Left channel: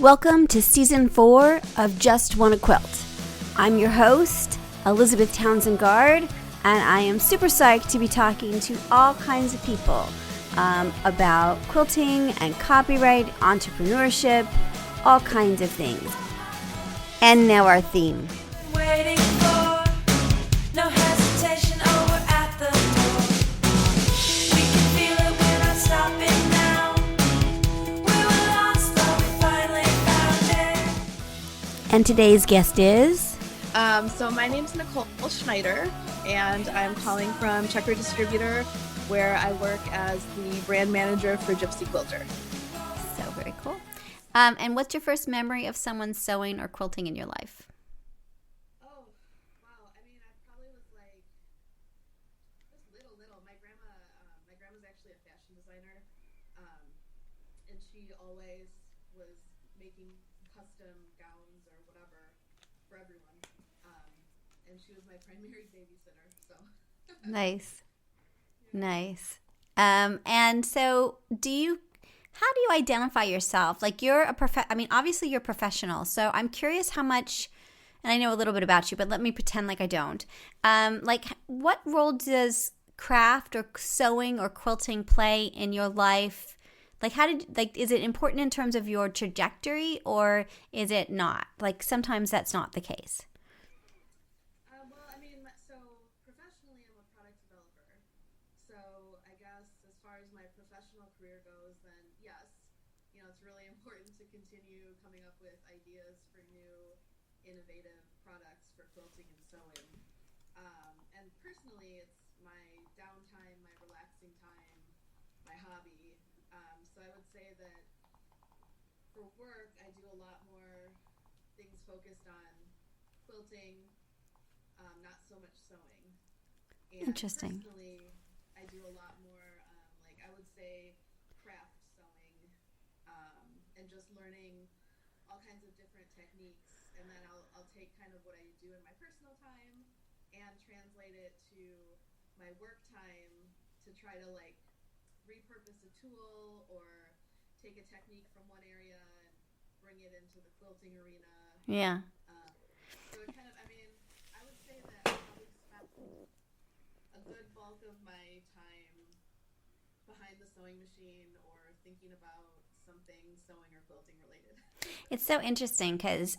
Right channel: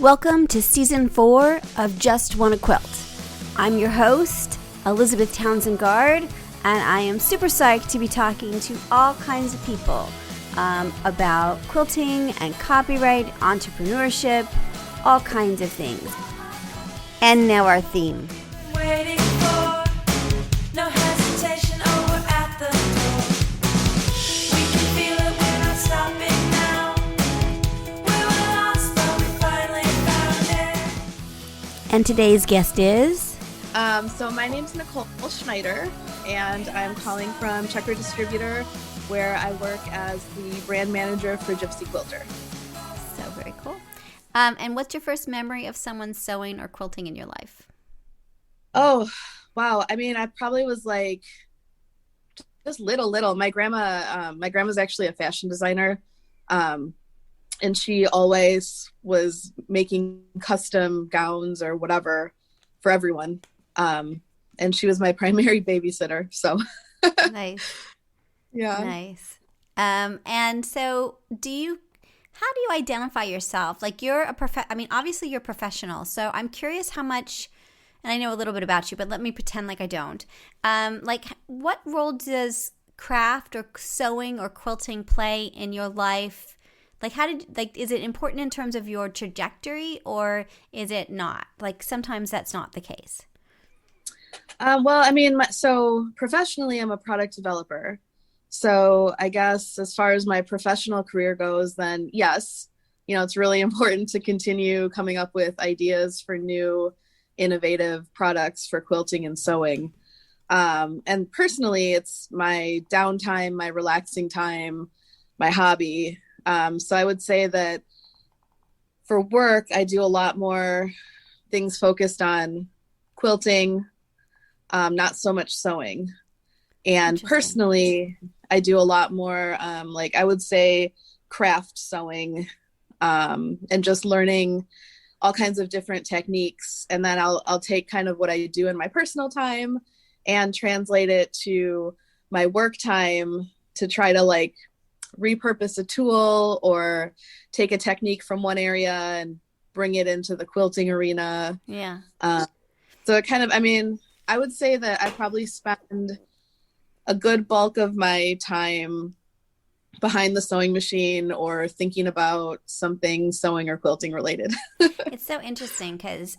Welcome to Season 4 of JustWannaQuilt. I'm your host, Elizabeth Townsend Guard, and I am super psyched to be talking to all kinds of people about quilting and copyright, entrepreneurship, all kinds of things. And now our theme. Waiting for no hesitation over at the door. We can feel it, we're not stopping now. We were lost, but we finally found it. And today's guest is... So my name's Nichole Scheider, and I'm calling from Checker Distributor, where I work as the brand manager for Gypsy Quilter. So very cool. And what's your first memory of someone sewing or quilting in your life? Oh, wow. I mean, I probably was like just little. My grandma's actually a fashion designer. And she always was making custom gowns or whatever for everyone. And she was my primary babysitter. So Nice. yeah. Nice. And so how do you identify yourself? Like obviously you're a professional. So I'm curious how much, and I know a little bit about you, but let me pretend like I don't. What role does craft or sewing or quilting play in your life? Is it important in terms of your trajectory, or is it not? Like, sometimes that's not the case. Well, I mean, so professionally, I'm a product developer. So I guess as far as my professional career goes, then yes, it's really important to continue coming up with ideas for new innovative products for quilting and sewing. And personally, it's my downtime, my relaxing time, my hobby. So I would say that for work, I do a lot more things focused on quilting, not so much sewing. And personally, I do a lot more, I would say craft sewing, and just learning all kinds of different techniques. And then I'll take kind of what I do in my personal time and translate it to my work time to try to repurpose a tool or take a technique from one area and bring it into the quilting arena. Yeah. So it kind of, I would say that I probably spend a good bulk of my time behind the sewing machine or thinking about something sewing or quilting related. It's so interesting because,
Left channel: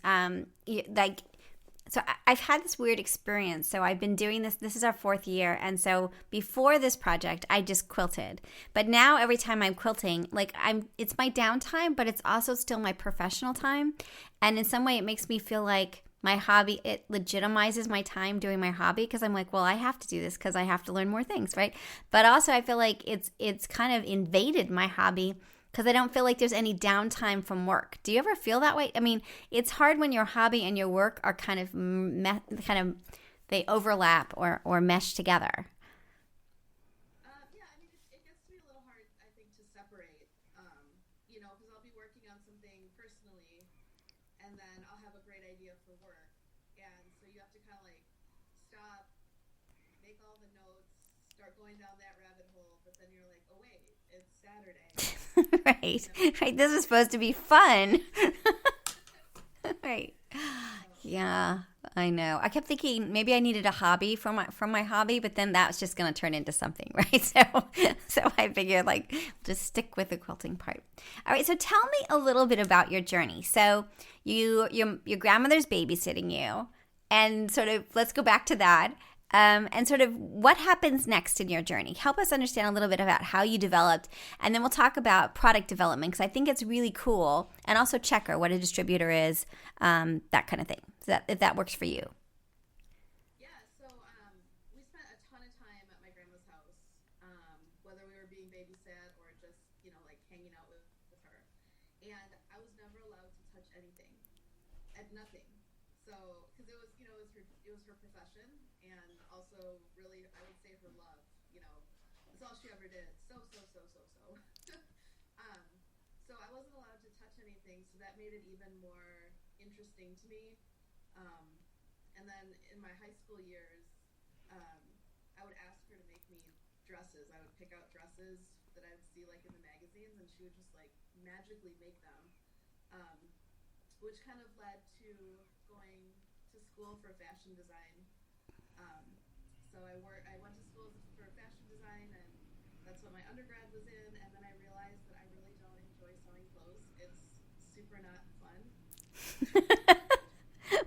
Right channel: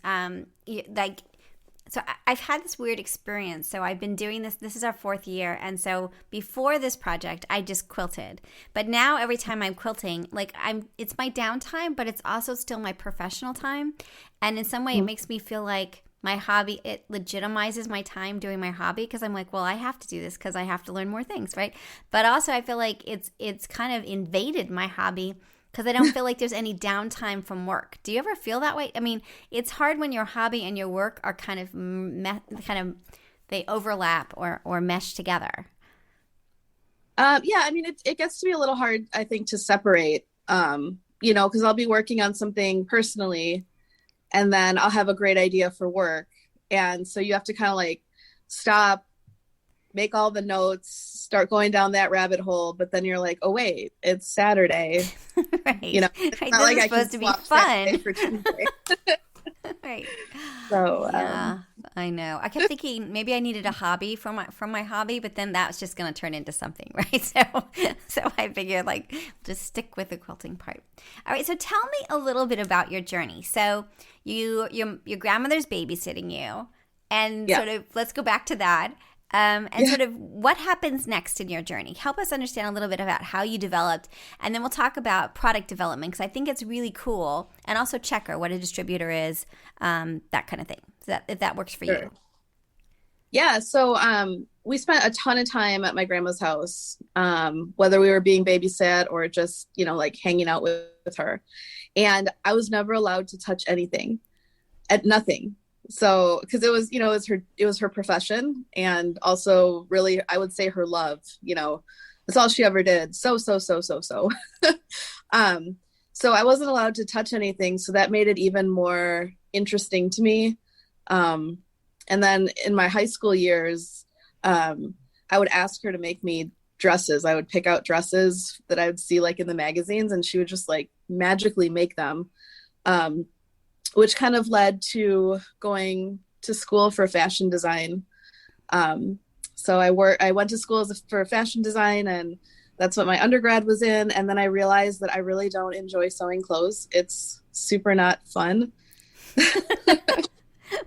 I've had this weird experience. So I've been doing this. This is our 4th year. And so before this project, I just quilted. But now every time I'm quilting, it's my downtime, but it's also still my professional time. And in some way, it makes me feel like my hobby, it legitimizes my time doing my hobby, because I'm like, well, I have to do this because I have to learn more things, right? But also I feel like it's kind of invaded my hobby because I don't feel like there's any downtime from work. Do you ever feel that way? I mean, it's hard when your hobby and your work are kind of they overlap or mesh together. Yeah, it gets to be a little hard, I think, to separate, because I'll be working on something personally and then I'll have a great idea for work. And so you have to kind of stop, make all the notes, start going down that rabbit hole. But then you're like, oh, wait, it's Saturday. Right. It's Right. not This is supposed to be fun. Right. So, yeah, I know. I kept thinking maybe I needed a hobby from my hobby, but then that was just going to turn into something, right? So I figured just stick with the quilting part. All right. So tell me a little bit about your journey. So your grandmother's babysitting you, and sort of let's go back to that. Sort of what happens next in your journey. Help us understand a little bit about how you developed, and then we'll talk about product development, because I think it's really cool, and also Checker, what a distributor is, that kind of thing. So if that works for you. Yeah, so we spent a ton of time at my grandma's house, whether we were being babysat or just, hanging out with her. And I was never allowed to touch anything, at nothing. So, because it was her profession, and also really, I would say her love, that's all she ever did. So. So I wasn't allowed to touch anything. So that made it even more interesting to me. And then in my high school years, I would ask her to make me dresses. I would pick out dresses that I would see in the magazines, and she would just magically make them. which kind of led to going to school for fashion design. So I went to school for fashion design, and that's what my undergrad was in. And then I realized that I really don't enjoy sewing clothes. It's super not fun.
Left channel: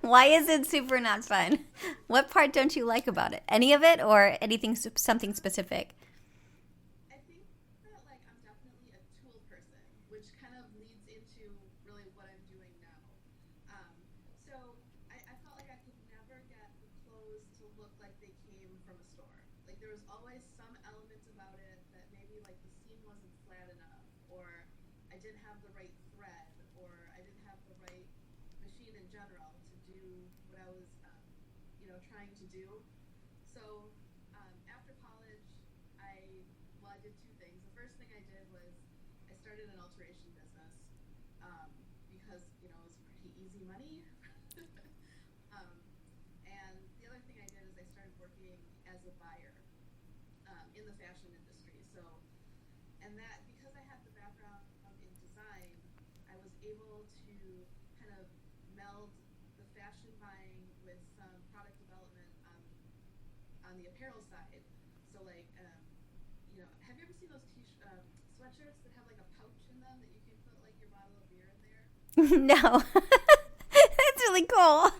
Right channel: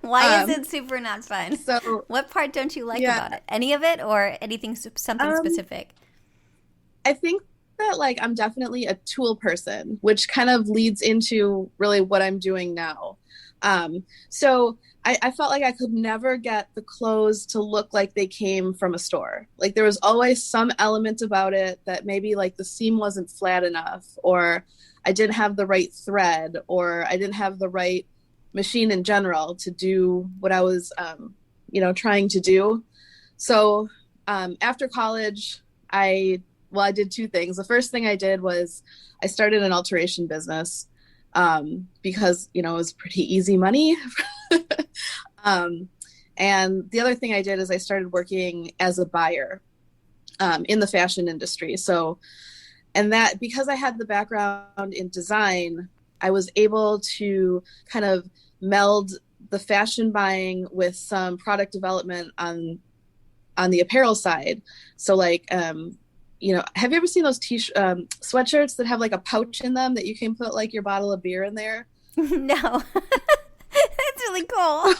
Why is it super not fun? So what part don't you like about it? Any of it, or anything, something specific? I think that like I'm definitely a tool person, which kind of leads into really what I'm doing now. So I felt like I could never get the clothes to look like they came from a store. Like there was always some element about it that maybe like the seam wasn't flat enough, or I didn't have the right thread, or I didn't have the right machine in general to do what I was, trying to do. So after college, I did two things. The first thing I did was I started an alteration business because, it was pretty easy money. And the other thing I did is I started working as a buyer in the fashion industry. So, and that because I had the background in design, I was able to kind of meld the fashion buying with some product development on the apparel side. So like, have you ever seen those sweatshirts that have like a pouch in them that you can put like your bottle of beer in there? No. That's really cool.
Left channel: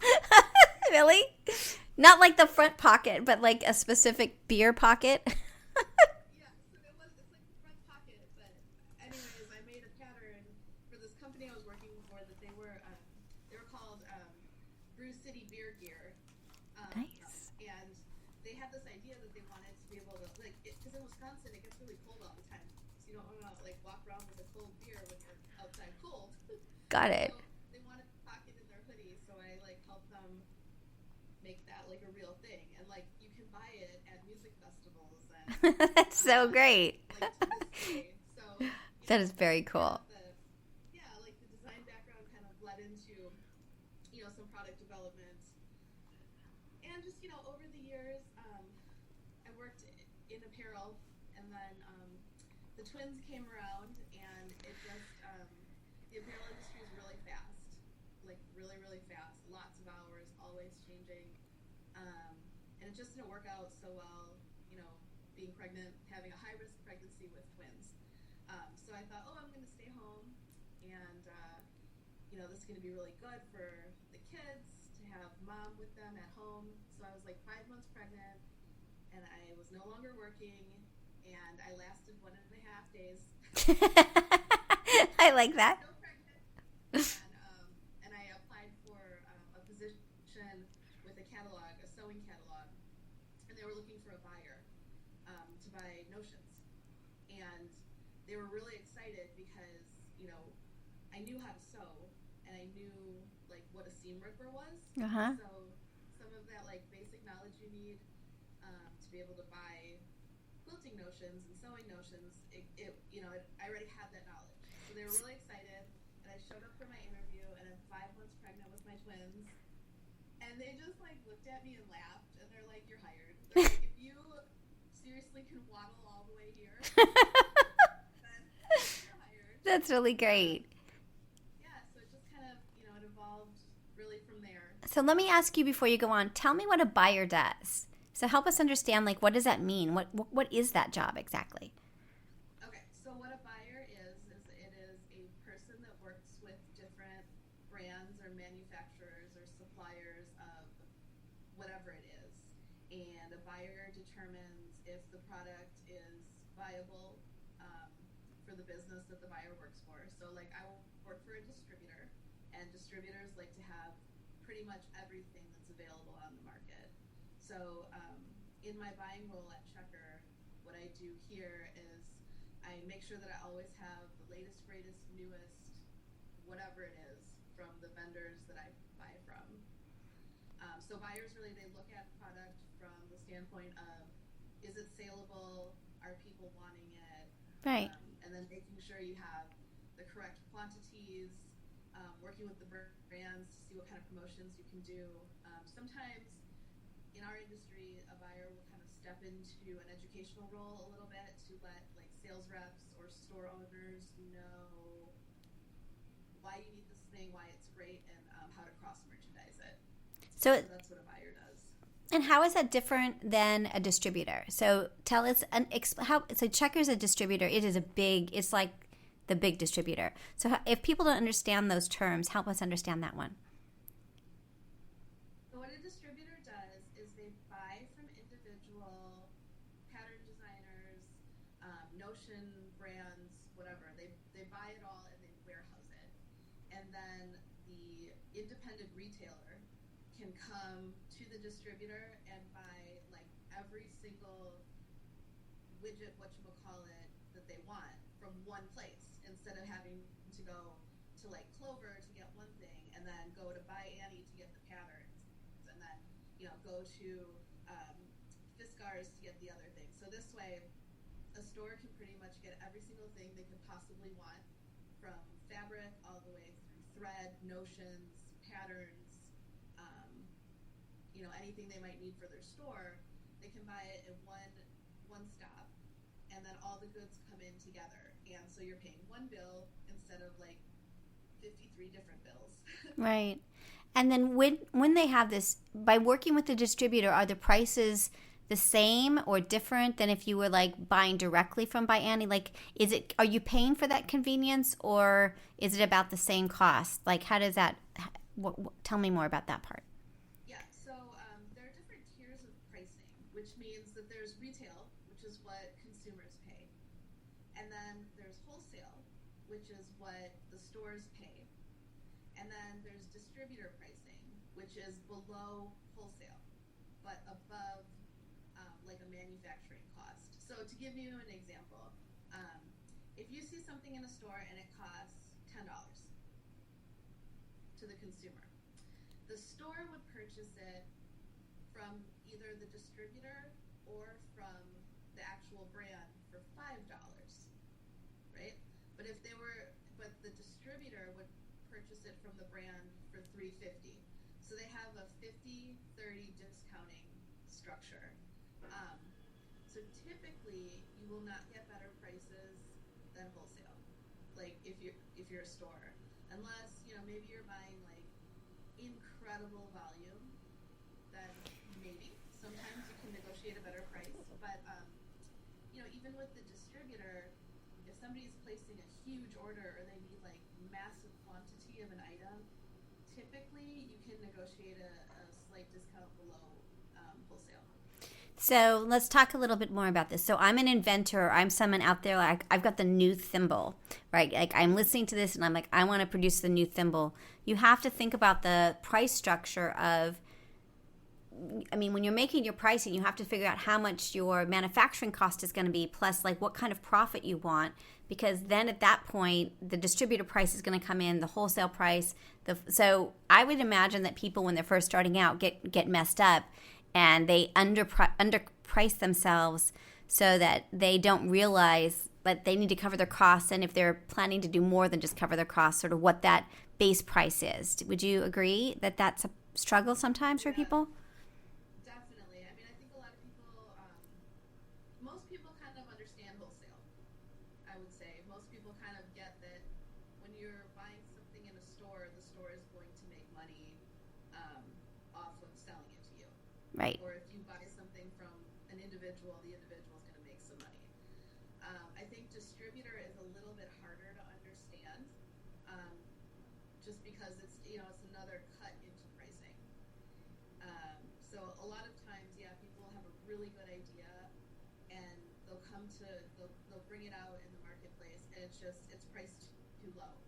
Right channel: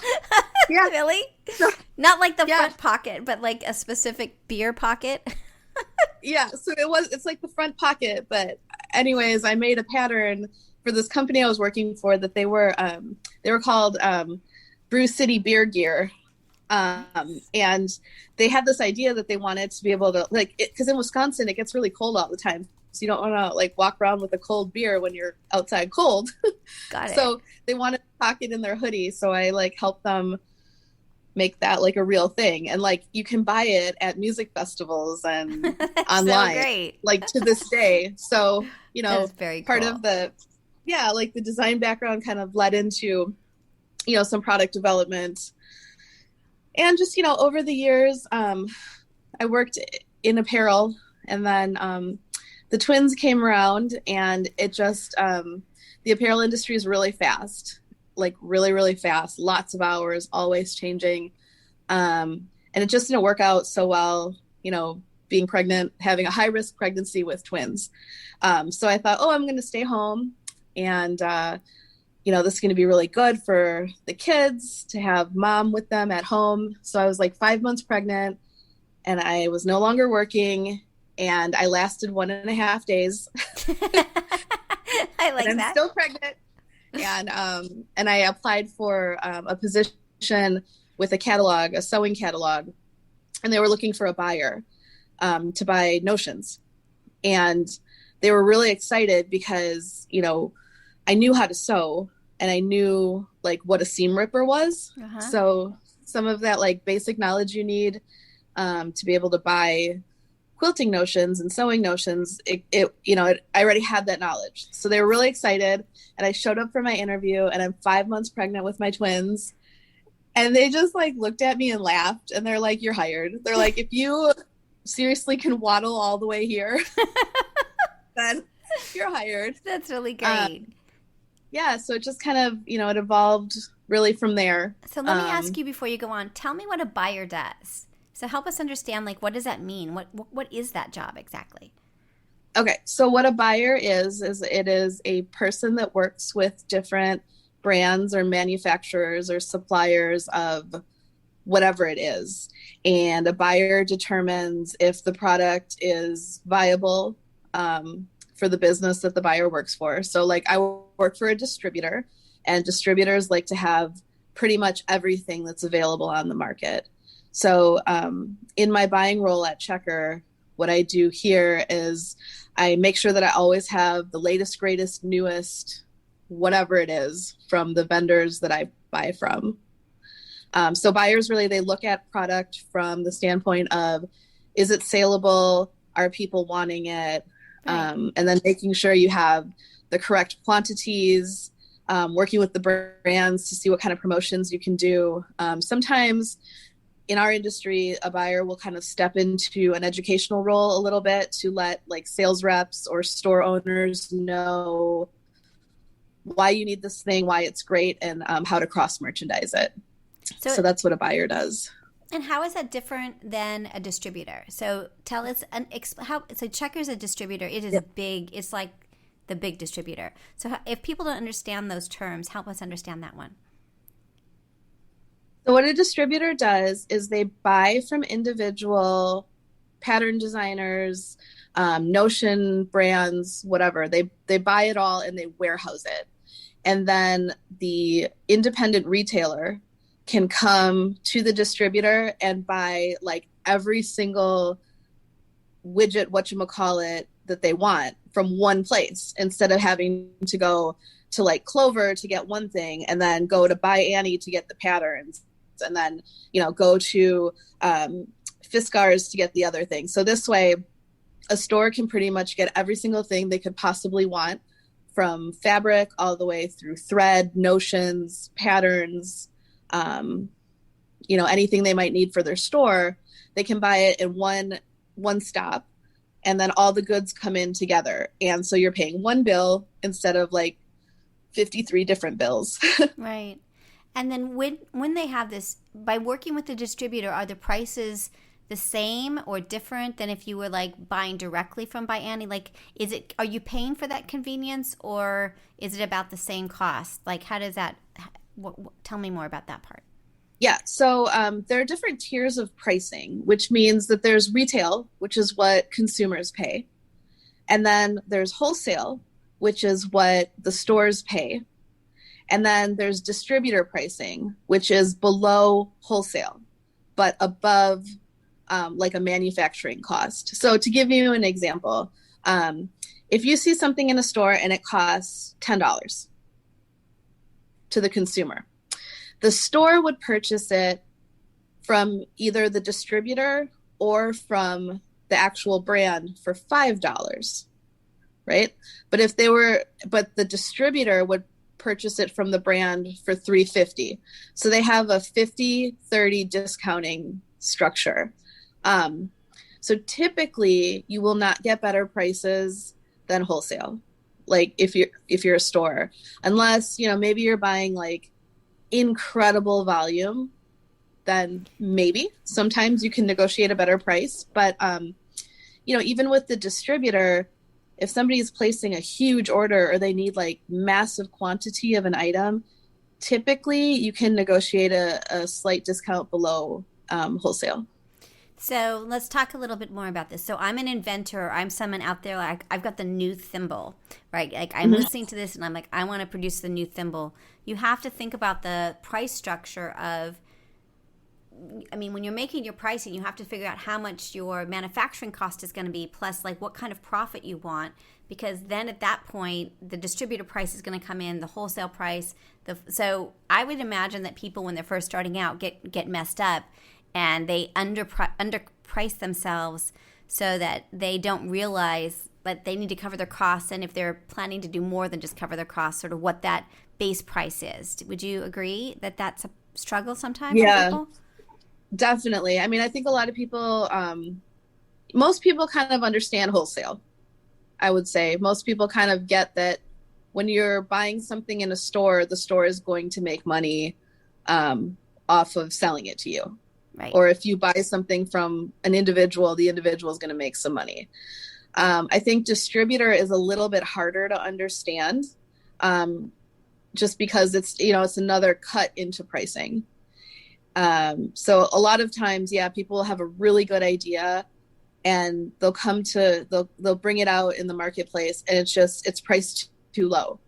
Yeah. Really? Not like the front pocket, but like a specific beer pocket. Yeah, so it's like the front pocket, but anyways, I made a pattern for this company I was working for that they were called Brew City Beer Gear. Nice. And they had this idea that they wanted to be able to because in Wisconsin it gets really cold all the time, so you don't want to like walk around with a cold beer when you're outside cold. Got it. So they wanted a pocket in their hoodie, so I like helped them make that like a real thing, and like you can buy it at music festivals and online. So great. Like to this day. So that is very part cool. of the like the design background kind of led into some product development. And just, over the years, I worked in apparel, and then the twins came around, and it just, the apparel industry is really fast, like really, really fast, lots of hours, always changing. And it just didn't work out so well, being pregnant, having a high risk pregnancy with twins. So I thought, I'm going to stay home, and this is going to be really good for the kids to have mom with them at home. So I was like 5 months pregnant, and I was no longer working, and I lasted 1.5 days. I like and that. I'm still pregnant. And I applied for a position with a sewing catalog, and they were looking for a buyer to buy notions. And they were really excited because, I knew how to sew, and I knew like what a seam ripper was. Uh-huh. So some of that like basic knowledge you need to be able to buy quilting notions and sewing notions, I already had that knowledge. So they were really excited, and I showed up for my interview, and I'm 5 months pregnant with my twins, and they just like looked at me and laughed, and they're like, "You're hired." They're like, "If you seriously can waddle all the way here, then you're hired." That's really great. So it just kind of, it evolved really from there. So let me ask you before you go on, tell me what a buyer does. So help us understand, like, what does that mean? What is that job exactly? Okay, so what a buyer is it is a person that works with different brands or manufacturers or suppliers of whatever it is. And a buyer determines if the product is viable for the business that the buyer works for. So like I work for a distributor, and distributors like to have pretty much everything that's available on the market. So in my buying role at Checker, what I do here is I make sure that I always have the latest, greatest, newest, whatever it is from the vendors that I buy from. So buyers really, they look at product from the standpoint of, is it saleable? Are people wanting it? Right. And then making sure you have the correct quantities, working with the brands to see what kind of promotions you can do. Sometimes in our industry, a buyer will kind of step into an educational role a little bit to let like sales reps or store owners know why you need this thing, why it's great, and how to cross merchandise it. So that's what a buyer does. And how is that different than a distributor? So tell us so Checker's a distributor. It is it's like the big distributor. So if people don't understand those terms, help us understand that one. So what a distributor does is they buy from individual pattern designers, Notion brands, whatever. They buy it all and they warehouse it. And then the independent retailer can come to the distributor and buy like every single widget, whatchamacallit, that they want from one place, instead of having to go to like Clover to get one thing and then go to Buy Annie to get the patterns, and then, you know, go to Fiskars to get the other thing. So this way, a store can pretty much get every single thing they could possibly want, from fabric all the way through thread, notions, patterns, you know, anything they might need for their store. They can buy it in one stop, and then all the goods come in together. And so you're paying one bill instead of like 53 different bills. Right. And then when they have this, by working with the distributor, are the prices the same or different than if you were like buying directly from Buy Annie? Like, are you paying for that convenience, or is it about the same cost? Like, how does that, tell me more about that part. Yeah, so there are different tiers of pricing, which means that there's retail, which is what consumers pay. And then there's wholesale, which is what the stores pay. And then there's distributor pricing, which is below wholesale, but above like a manufacturing cost. So to give you an example, if you see something in a store and it costs $10 to the consumer, the store would purchase it from either the distributor or from the actual brand for $5, right? But the distributor would purchase it from the brand for $3.50. So they have a 50-30 discounting structure. So typically you will not get better prices than wholesale, like if you're a store, unless, you know, maybe you're buying like incredible volume, then maybe sometimes you can negotiate a better price. But you know, even with the distributor, if somebody's placing a huge order or they need like massive quantity of an item, typically you can negotiate a slight discount below wholesale. So let's talk a little bit more about this. So I'm an inventor. I'm someone out there, like I've got the new thimble, right? Like I'm listening to this and I'm like, I want to produce the new thimble. You have to think about the price structure of, I mean, when you're making your pricing, you have to figure out how much your manufacturing cost is going to be, plus like what kind of profit you want, because then at that point, the distributor price is going to come in, the wholesale price. So I would imagine that people, when they're first starting out, get messed up, and they underprice themselves so that they don't realize that they need to cover their costs, and if they're planning to do more than just cover their costs, sort of what that base price is. Would you agree that that's a struggle sometimes for people? Definitely. I mean, I think a lot of people, most people kind of understand wholesale. I would say most people kind of get that when you're buying something in a store, the store is going to make money off of selling it to you. Right. Or if you buy something from an individual, the individual is going to make some money. I think distributor is a little bit harder to understand, just because it's, you know, it's another cut into pricing. So a lot of times, people have a really good idea and they'll bring it out in the marketplace, and it's priced too low.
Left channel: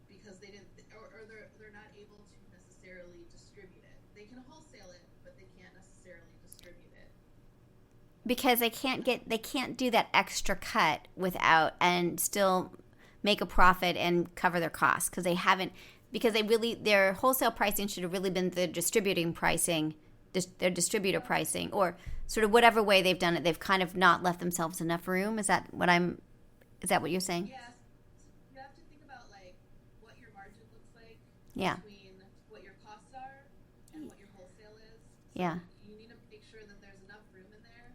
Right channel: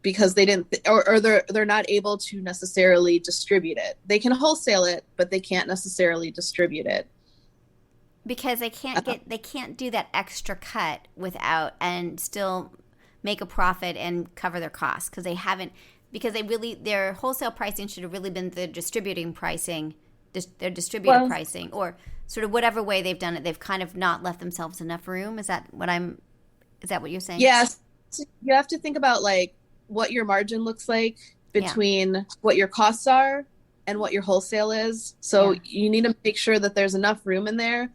Because they didn't, or they're not able to necessarily distribute it. They can wholesale it, but they can't necessarily distribute it because they can't do that extra cut without and still make a profit and cover their costs, because their wholesale pricing should have really been the distributing pricing, their distributor pricing, or sort of whatever way they've done it. They've kind of not left themselves enough room. Is that what you're saying? Yes. You have to think about like what your margin looks like between what your costs are and what your wholesale is. So you need to make sure that there's enough room in there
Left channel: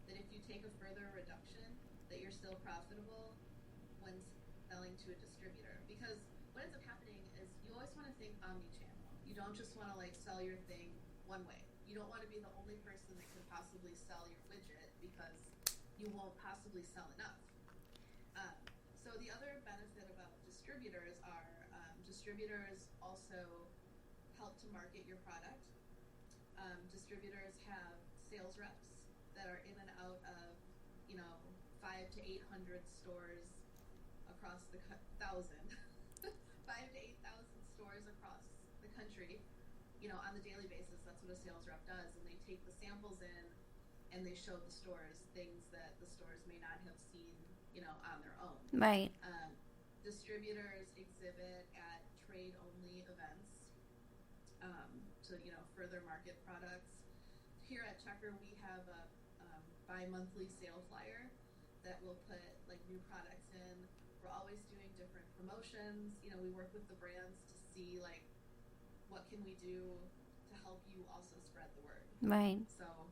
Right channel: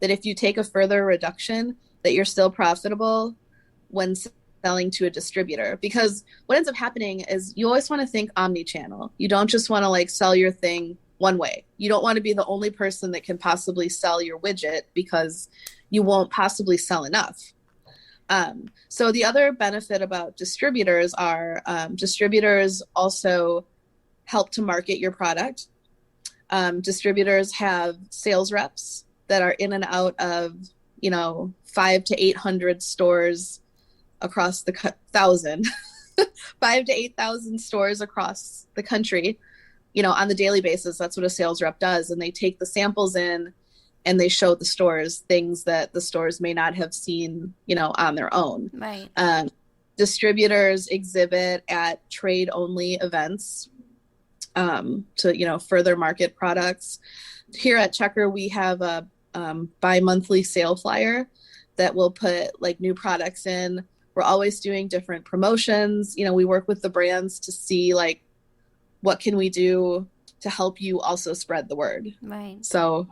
that if you take a further reduction, that you're still profitable when selling to a distributor, because what ends up happening is you always want to think omni-channel. You don't just want to like sell your thing one way. You don't want to be the only person that can possibly sell your widget, because you won't possibly sell enough. So the other benefit about distributors are distributors also help to market your product. Distributors have sales reps that are in and out of, 500 to 800 stores across the 5,000 to 8,000 stores across the country, on the daily basis. That's what a sales rep does. And they take the samples in and they show the stores things that the stores may not have seen, on their own. Right. Distributors exhibit at trade only events to, further market products. Here at Checker, we have a bi-monthly sale flyer that will put like new products in. We're always doing different promotions. We work with the brands to see like, what can we do to help you also spread the word? Right. So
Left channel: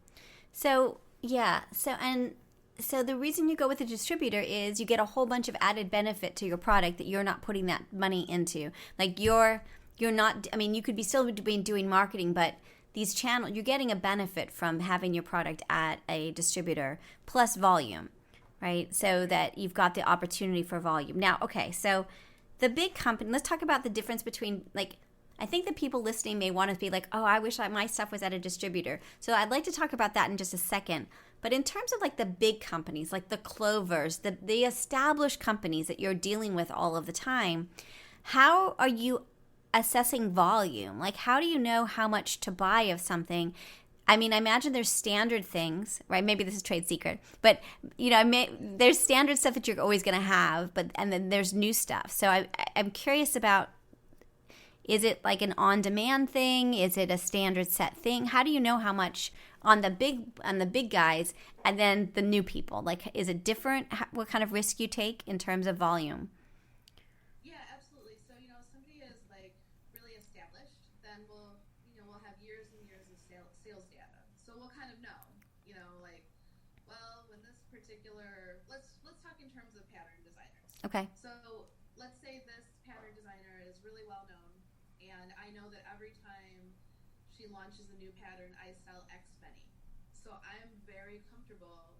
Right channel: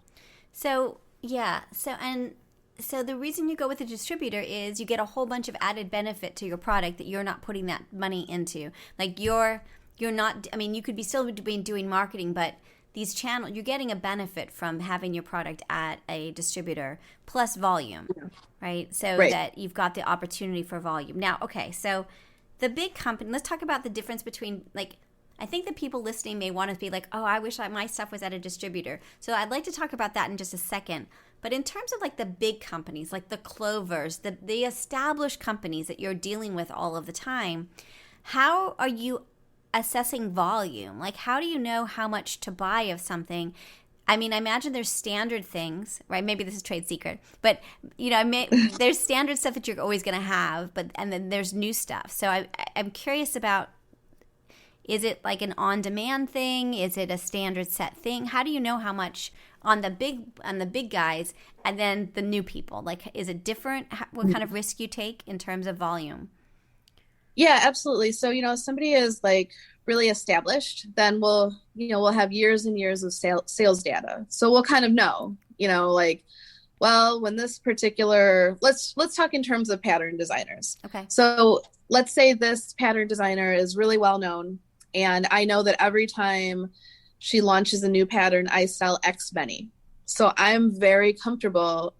yeah. So the reason you go with a distributor is you get a whole bunch of added benefit to your product that you're not putting that money into. Like you're not, I mean, you could be still doing marketing, but these channels, you're getting a benefit from having your product at a distributor plus volume, right? So that you've got the opportunity for volume. Now, okay, so the big company, let's talk about the difference between, like, I think the people listening may want to be like, oh, I wish my stuff was at a distributor. So I'd like to talk about that in just a second. But in terms of like the big companies, like the Clovers, the established companies that you're dealing with all of the time, how are you assessing volume? Like, how do you know how much to buy of something? I mean, I imagine there's standard things, right? Maybe this is trade secret, but there's standard stuff that you're always going to have, and then there's new stuff. So I'm curious about, is it like an on-demand thing? Is it a standard set thing? How do you know how much on the big guys and then the new people? Like, is it different? What kind of risk you take in terms of volume? Yeah, absolutely. So, if somebody is like really established, then we'll have years and years of sales data. So we'll kind of know, like, well, when this particular, let's talk in terms of pattern designers. Okay. So let's say this pattern designer is really well known, and I know that every time she launches a new pattern, I sell X many. So I'm very comfortable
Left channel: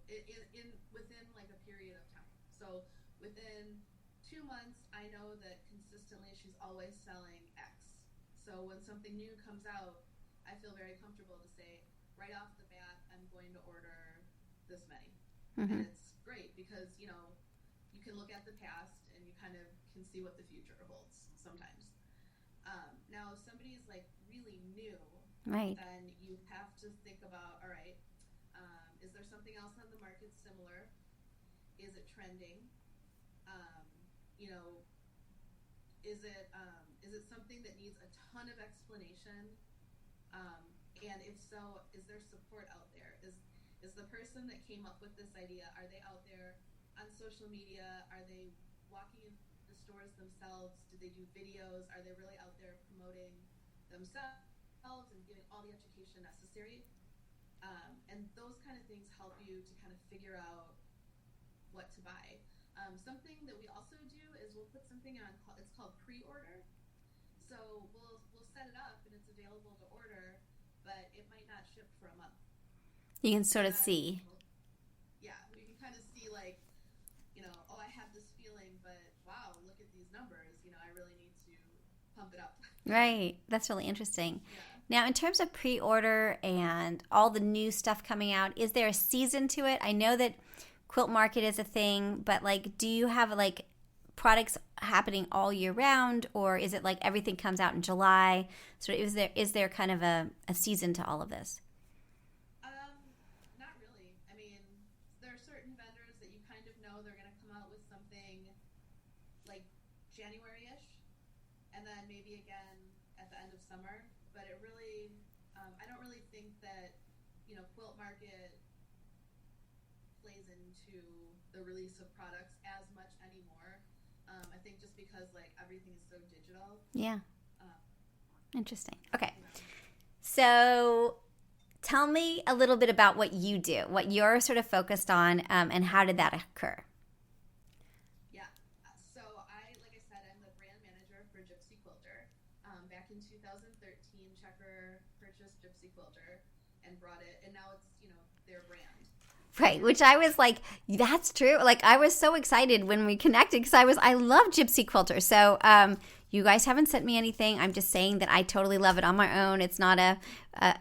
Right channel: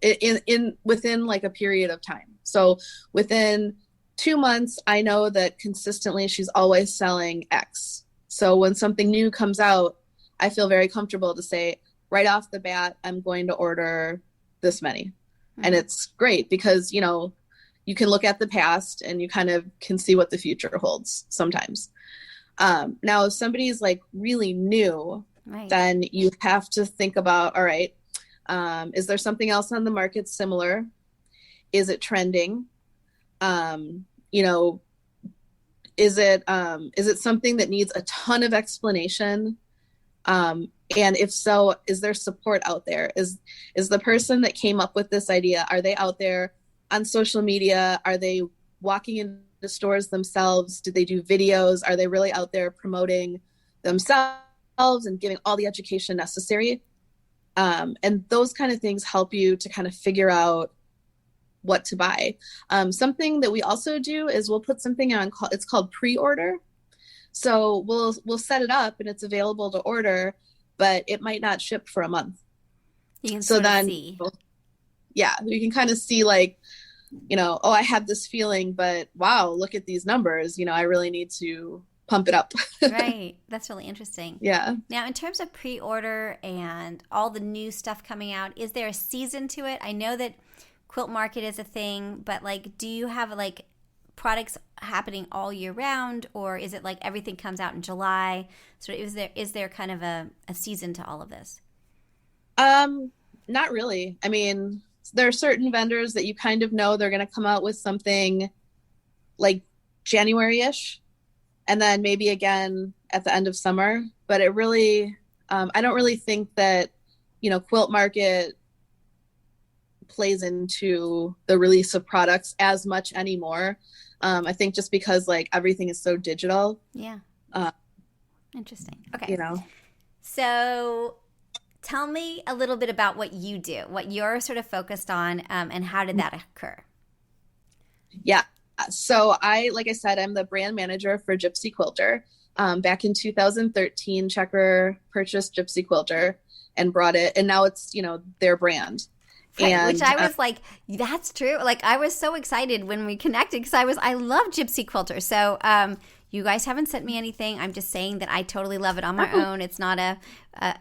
within like a period of time. So within 2 months, I know that consistently she's always selling X. So when something new comes out, I feel very comfortable to say right off the bat, I'm going to order this many. Mm-hmm. And it's great because, you can look at the past and you kind of can see what the future holds sometimes. Now, if somebody's like really new, right, then you have to think about, all right, is there something else on the market similar? Is it trending? Is it something that needs a ton of explanation? And if so, is there support out there? Is the person that came up with this idea, are they out there on social media? Are they walking into stores themselves? Do they do videos? Are they really out there promoting themselves and giving all the education necessary? And those kind of things help you to kind of figure out what to buy. Something that we also do is we'll put something on, it's called pre-order. So we'll set it up and it's available to order, but it might not ship for a month. You can sort of see. Yeah, you can kind of see like, oh, I had this feeling, but wow, look at these numbers. I really need to pump it up. Right. That's really interesting. Yeah. Now, in terms of pre-order and all the new stuff coming out, is there a season to it? I know that Quilt Market is a thing, but like, do you have like products happening all year round, or is it like everything comes out in July? So is there kind of a season to all of this? Not really. I mean, there are certain vendors that you kind of know they're going to come out with something like January-ish, and then maybe again at the end of summer. But it really, I don't really think that, Quilt Market plays into the release of products as much anymore. I think just because like everything is so digital. Yeah. Interesting. Okay. You So tell me a little bit about what you do, what you're sort of focused on, and how did that occur? Yeah. So like I said, I'm the brand manager for Gypsy Quilter. Back in 2013, Checker purchased Gypsy Quilter and brought it, and now it's, their brand. Right, And, which I was like, that's true. Like, I was so excited when we connected because I love Gypsy Quilter. So, you guys haven't sent me anything. I'm just saying that I totally love it on my own. It's not a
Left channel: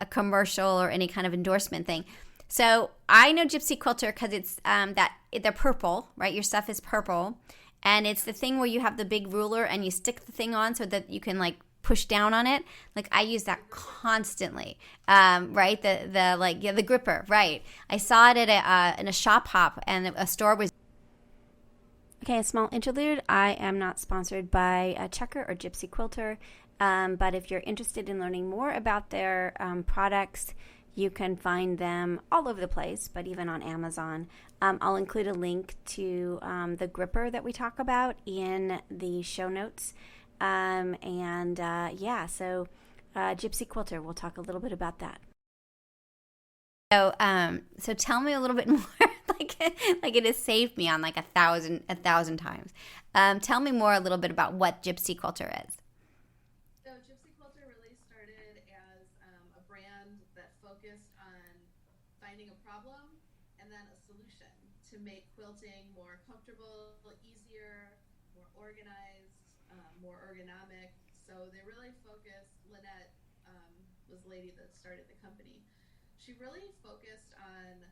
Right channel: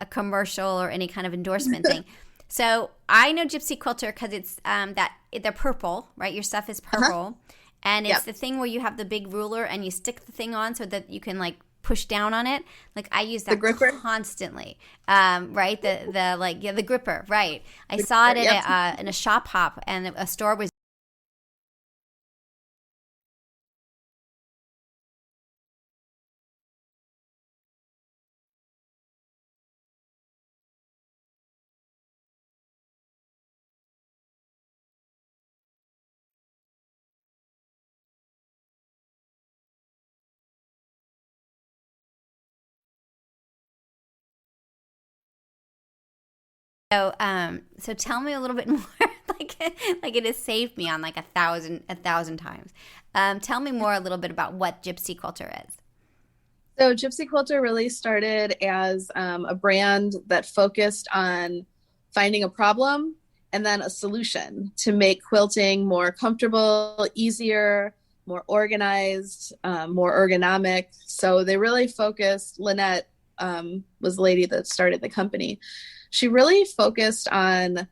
commercial or any kind of endorsement thing. So I know Gypsy Quilter because it's they're purple, right? Your stuff is purple, and it's the thing where you have the big ruler and you stick the thing on so that you can like push down on it. Like I use that constantly, right? The gripper, right? I saw it at in a shop hop, and a store was. Okay, a small interlude. I am not sponsored by Checker or Gypsy Quilter, but if you're interested in learning more about their products, you can find them all over the place, but even on Amazon. I'll include a link to the gripper that we talk about in the show notes. So Gypsy Quilter, we'll talk a little bit about that. So tell me a little bit more, like it has saved me on like a thousand times. Tell me more a little bit about what Gypsy Quilter is. So Gypsy Quilter really started as a brand that focused on finding a problem and then a solution to make quilting more comfortable, easier, more organized, more ergonomic. So they really focused, Lynette was the lady that started the company. She really focused on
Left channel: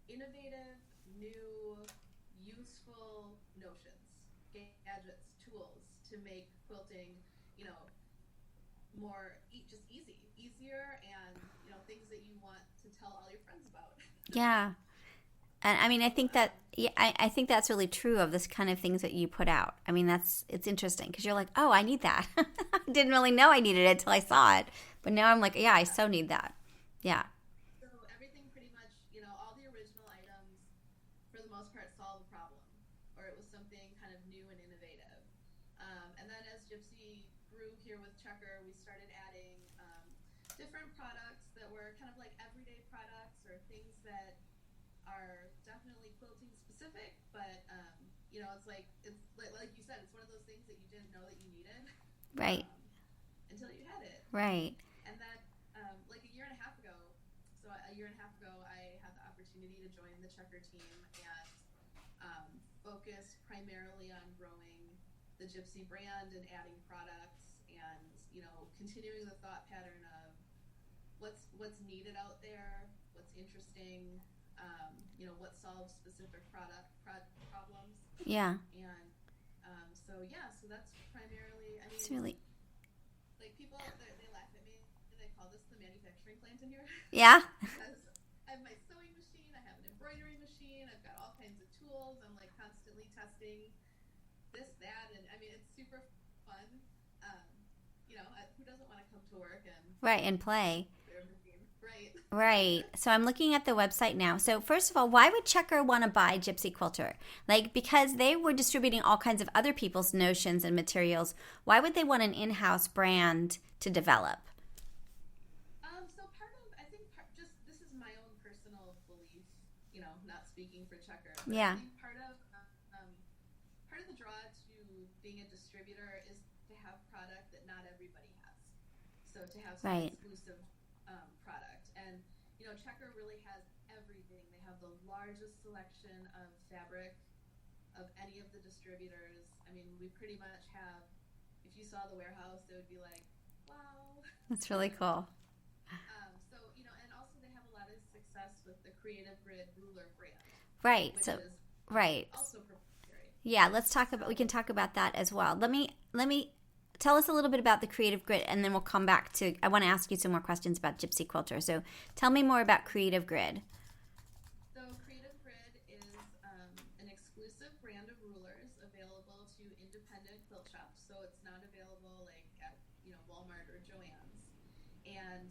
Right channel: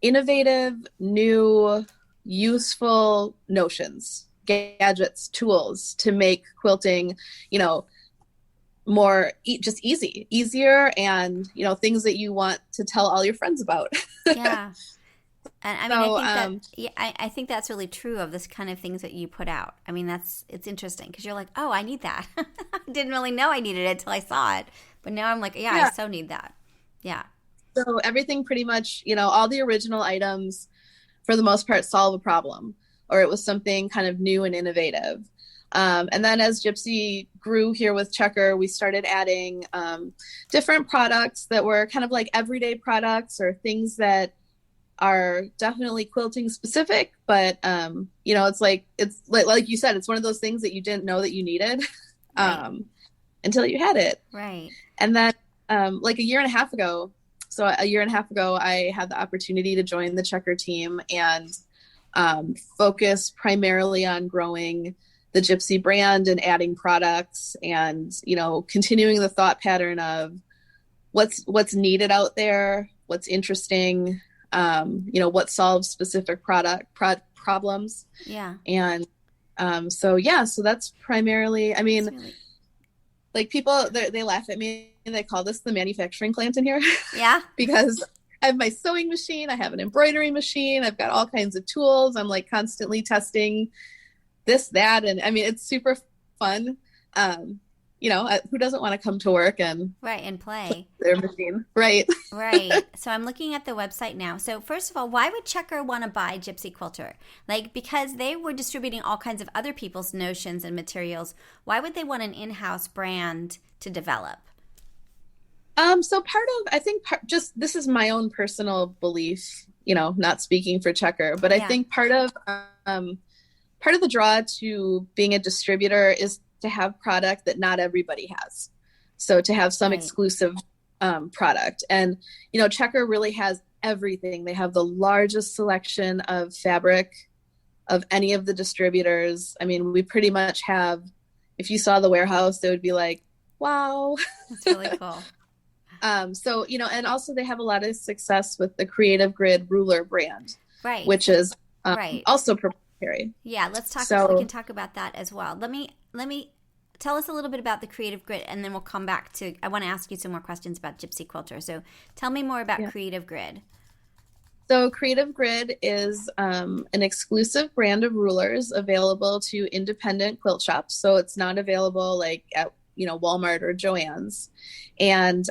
innovative, new, useful notions, gadgets, tools to make quilting, more just easier, and things that you want to tell all your friends about. Yeah. And I mean, I think that's really true of this kind of things that you put out. I mean, it's interesting because you're like, oh, I need that. I didn't really know I needed it until I saw it, but now I'm like, yeah, I so need that. Yeah. So everything pretty much, all the original items for the most part solve a problem, or it was something kind of new and innovative. And then as Gypsy grew here with Checker, we started adding different products that were kind of like everyday products or things that are definitely quilting specific, but it's like you said, it's one of those things that you didn't know that you needed until you had it. Right. And then like a year and a half ago, I had the opportunity to join the Checker team and focus primarily on growing the Gypsy brand and adding products and, continuing the thought pattern of what's needed out there, what's interesting, what solves specific problems. Yeah. And so that's primarily, I mean, really... like people, they laugh at me and they call this the manufacturing plant in here. Yeah. Because I have my sewing machine, I have an embroidery machine, I've got all kinds of tools. I'm like constantly testing this, that, and I mean, it's super fun. Who doesn't want to come to work and play their machine, right? Right. So I'm looking at the website now. So first of all, why would Checker want to buy Gypsy Quilter? Like, because they were distributing all kinds of other people's notions and materials. Why would they want an in-house brand to develop? So just this is my own personal belief, not speaking for Checker, but I think part of the draw to being a distributor is to have product that not everybody has. So to have some exclusive product. And, Checker really has everything. They have the largest selection of fabric of any of the distributors. I mean, we pretty much have, if you saw the warehouse, it would be like, wow. That's really cool. And also they have a lot of success with the Creative Grid ruler brand, right? Which is also proprietary. Yeah, let's talk. We can talk about that as well. Let me tell us a little bit about the Creative Grid, and then we'll come back to. I want to ask you some more questions about Gypsy Quilter. So tell me more about Creative Grid. So Creative Grid is an exclusive brand of rulers available to independent quilt shops. So it's not available like at Walmart or Joann's. And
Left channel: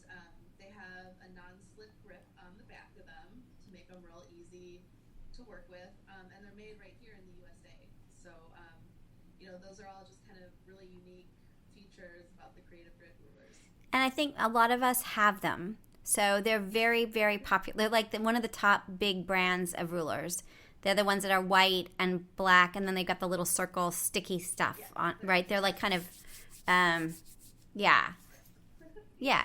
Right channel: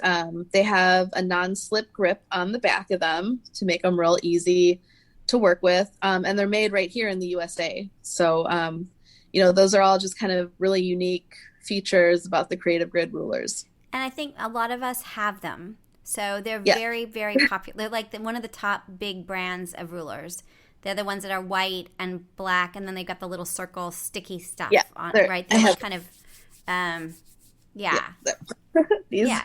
they have a non-slip grip on the back of them to make them real easy to work with. And they're made right here in the USA. So, those are all just kind of really unique features about the Creative Grid rulers. And I think a lot of us have them. So they're very, very popular. They're like one of the top big brands of rulers. They're the ones that are white and black, and then they've got the little circle sticky stuff on, right? They're like kind of, yeah,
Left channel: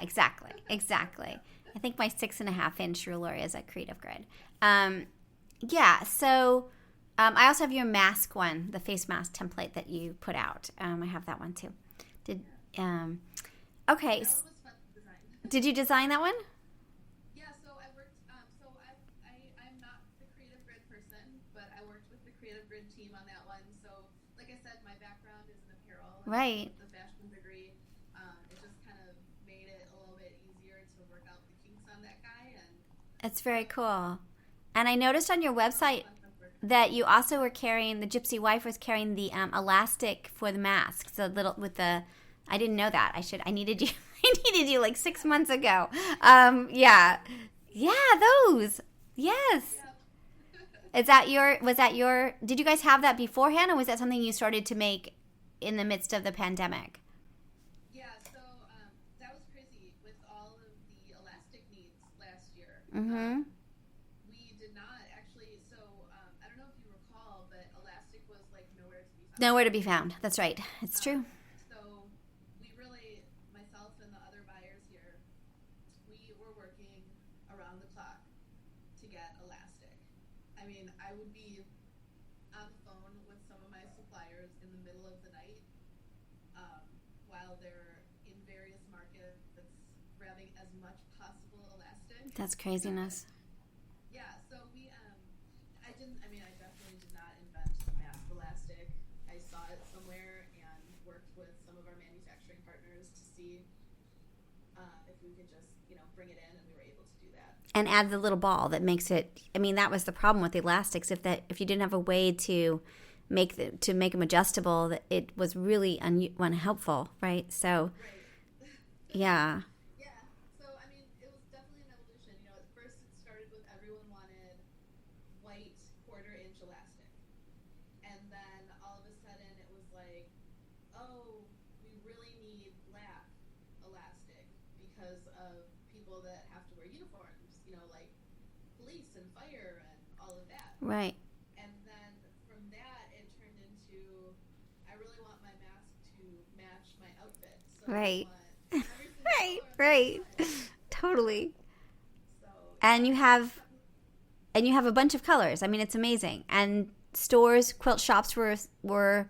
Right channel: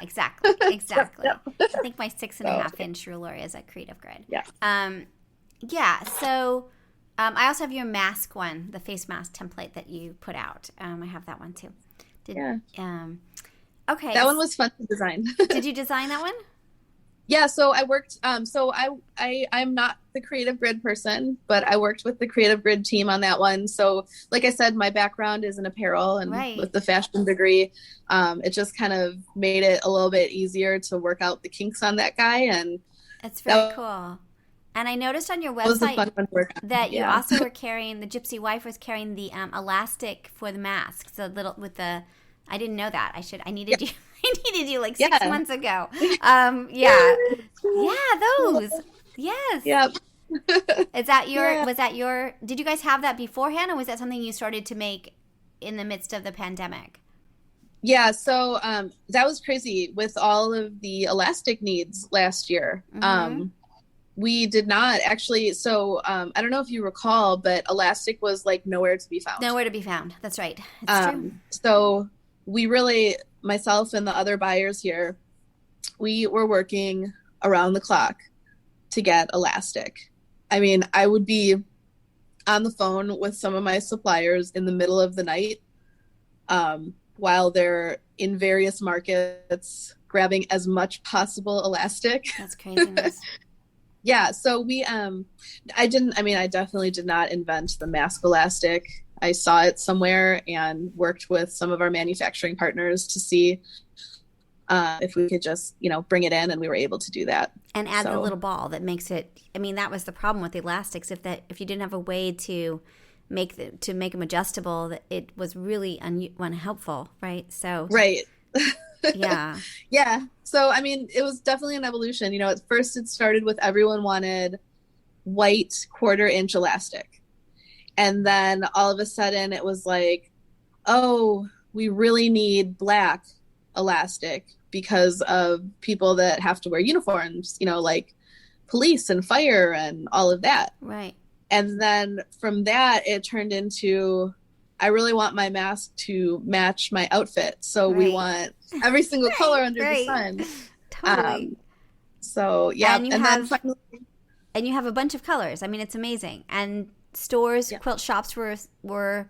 exactly. I think my 6.5-inch ruler is a Creative Grid. Yeah. So I also have your mask one, the face mask template that you put out. I have that one too. Okay. That one was fun to design. Did you design that one? Yeah, so I worked, I'm not the Creative Grid person, but I worked with the Creative Grid team on that one. So like I said, my background is in apparel, and with the fashion degree, it just kind of made it a little bit easier to work out the kinks on that guy. And it's very cool. And I noticed on your website that you also were carrying, the Gypsy wife was carrying the elastic for the mask. So little with the, I didn't know that. I needed you. I needed you like 6 months ago. Those. Yes. Yep. Is that your? Was that your? Did you guys have that beforehand, or was that something you started to make in the midst of the pandemic? Yeah. So that was crazy with all of the elastic needs last year. We did not actually. So I don't know if you recall, but elastic was like nowhere to be found. Nowhere to be found. That's right. It's true. So we really, myself and the other buyers here, we were working around the clock to get elastic. I mean, I would be on the phone with some of my suppliers in the middle of the night while they're in various markets grabbing as much possible elastic. That's craziness. Yeah, so I definitely did not invent the mask elastic. I saw it somewhere and worked with some of our manufacturing partners to see if we could just, bring it in, and we were able to do that. And add the little ball that makes it, that was the problem with the elastics. If you didn't have a way to make them adjustable, it was really unhelpful, right? So right. Yeah. Yeah. So, it was definitely an evolution. At first it started with everyone wanted white 1/4-inch elastic. And then all of a sudden it was like, oh, we really need black elastic because of people that have to wear uniforms, like police and fire and all of that. Right. And then from that, it turned into, I really want my mask to match my outfit. So we want every single color under the sun. Totally. So yeah. And you have a bunch of colors. It's amazing. And stores, quilt shops were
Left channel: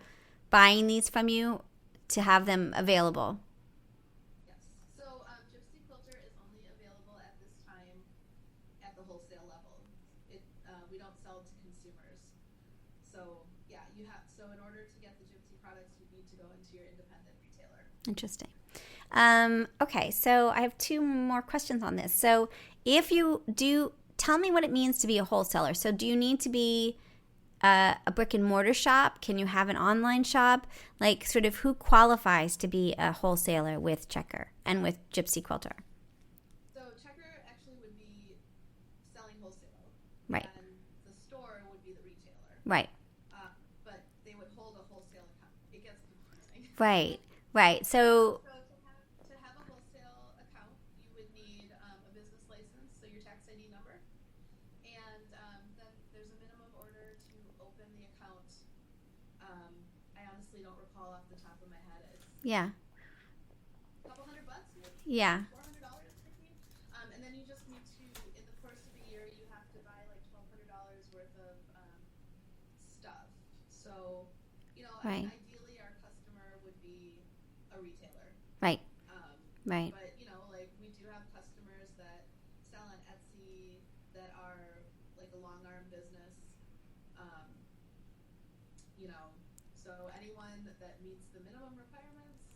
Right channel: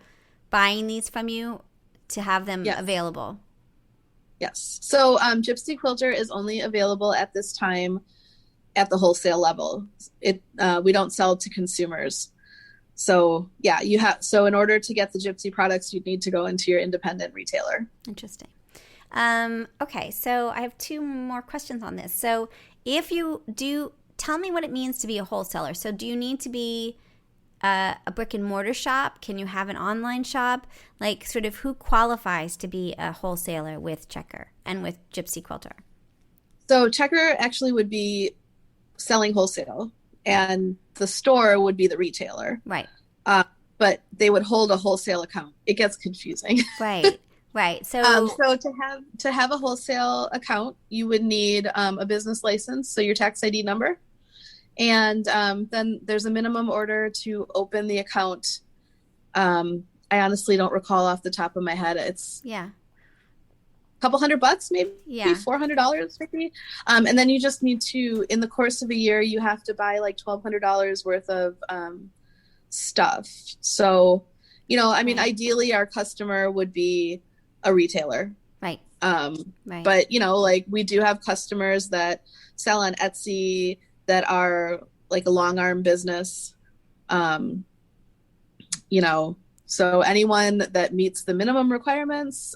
buying these from you to have them available. Yes. So Gypsy Quilter is only available at this time at the wholesale level. We don't sell to consumers. So so in order to get the Gypsy products, you'd need to go into your independent retailer. Interesting. Okay, so I have 2 more questions on this. So if you do, tell me what it means to be a wholesaler. So do you need to be a brick and mortar shop? Can you have an online shop? Like, sort of, who qualifies to be a wholesaler with Checker and with Gypsy Quilter? So Checker actually would be selling wholesale, and the store would be the retailer. Right. But they would hold a wholesale account. It gets confusing. Right. So to have a wholesale account, you would need a business license, so your tax ID number. And then there's a minimum order to open the account. I honestly don't recall off the top of my head. It's a couple $100, maybe $400 maybe. And then you just need to, in the course of a year, you have to buy like $1,200 worth of stuff. So, ideally our customer would be a retailer. Right. But, we do have customers that sell on Etsy, that are like a long arm business, so anyone that meets the minimum requirements,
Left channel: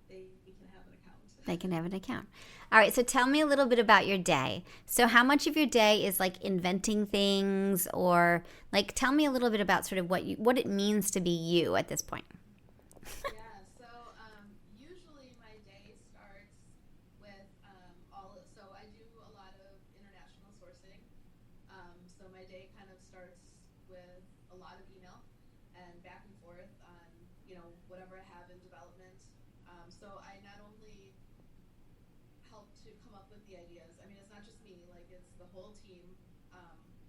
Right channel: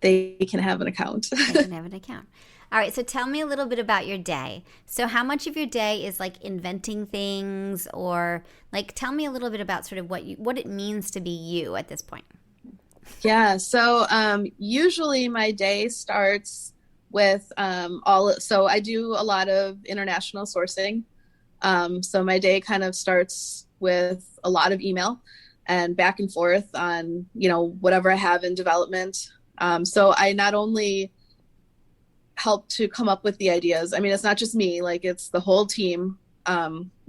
they can have an account. They can have an account. All right. So tell me a little bit about your day. So how much of your day is like inventing things, or like, tell me a little bit about sort of what it means to be you at this point. Yeah. So usually my day starts with so I do a lot of international sourcing. So my day kind of starts with a lot of email and back and forth on, whatever I have in development. So I not only help to come up with the ideas. It's not just me, like it's the whole team.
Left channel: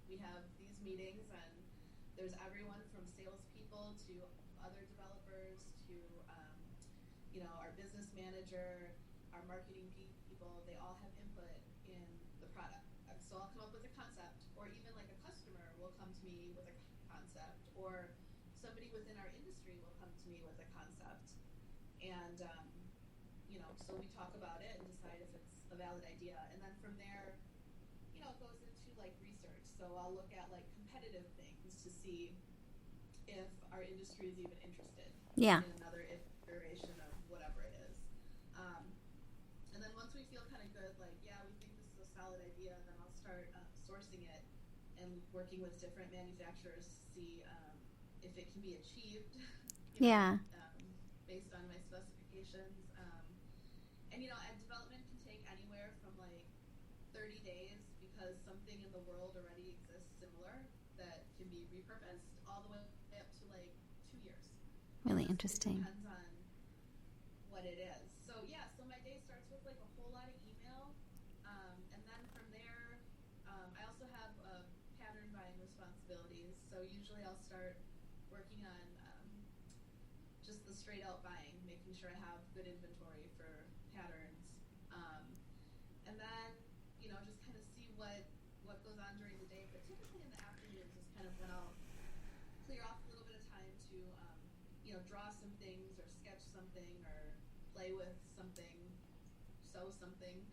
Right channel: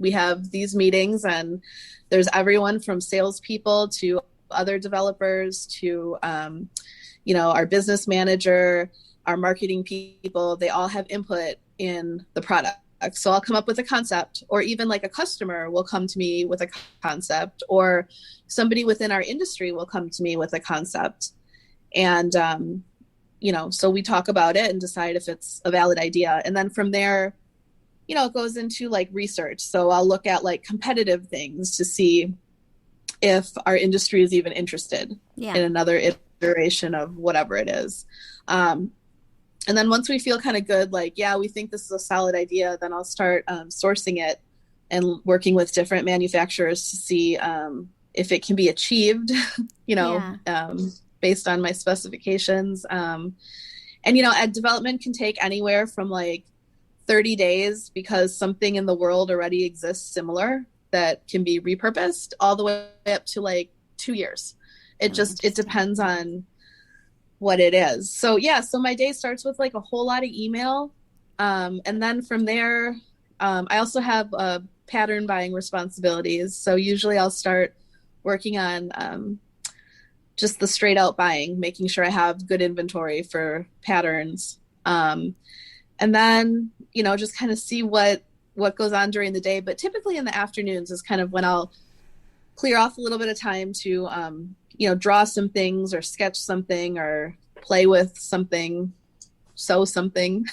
we have these meetings, and there's everyone from salespeople to other developers to, our business manager, our marketing people. They all have input in the product. So I'll come up with a concept, or even like a customer will come to me with a concept, or somebody within our industry will come to me with a concept. And, so we talk about it and decide if it's a valid idea. And then from there, it goes into like research. So I'll look at like competitive things to see if our industry is even interested in another iteration of whatever it is. And then once we feel kind of good, like, yeah, we think this is a solid idea, then I'll start sourcing it and working with different manufacturers to see if it can be achieved, based on my specifications. And, development can take anywhere from like 30 days because something in the world already exists similar that can be repurposed, all the way up to like 2 years. It depends on what it is. So so my day starts with like a whole lot of email. And then from there, I also have pattern buying responsibilities. So usually I'll start working on just the straight out buying, making sure I have good inventory for patterns. And then, just kind of see what goes on during the day. But typically in the afternoons is kind of when I'll clear off a little bit of time to, draw some things or sketch something or play with something, sew something.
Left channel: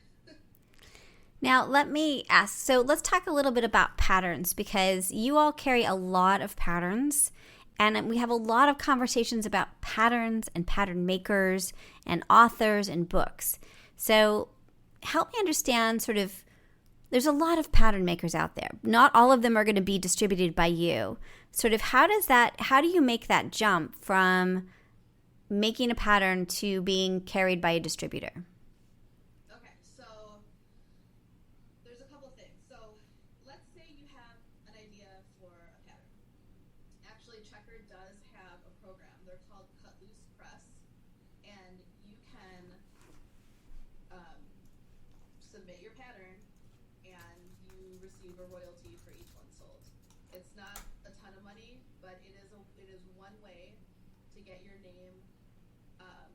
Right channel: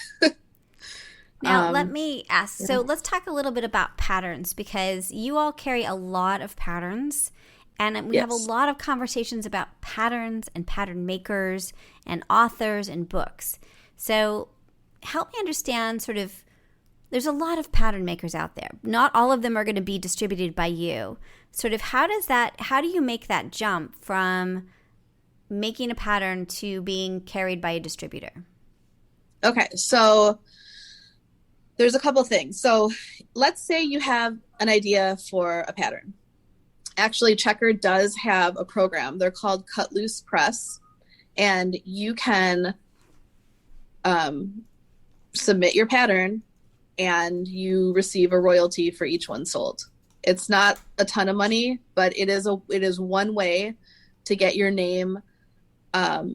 Now, let me ask. So let's talk a little bit about patterns, because you all carry a lot of patterns, and we have a lot of conversations about patterns and pattern makers and authors and books. So help me understand there's a lot of pattern makers out there. Not all of them are going to be distributed by you. How do you make that jump from making a pattern to being carried by a distributor? Okay, so there's a couple things. So let's say you have an idea for a pattern. Actually, Checker does have a program. They're called Cut Loose Press, and you can submit your pattern and you receive a royalty for each one sold. It's not a ton of money, but it is one way to get your name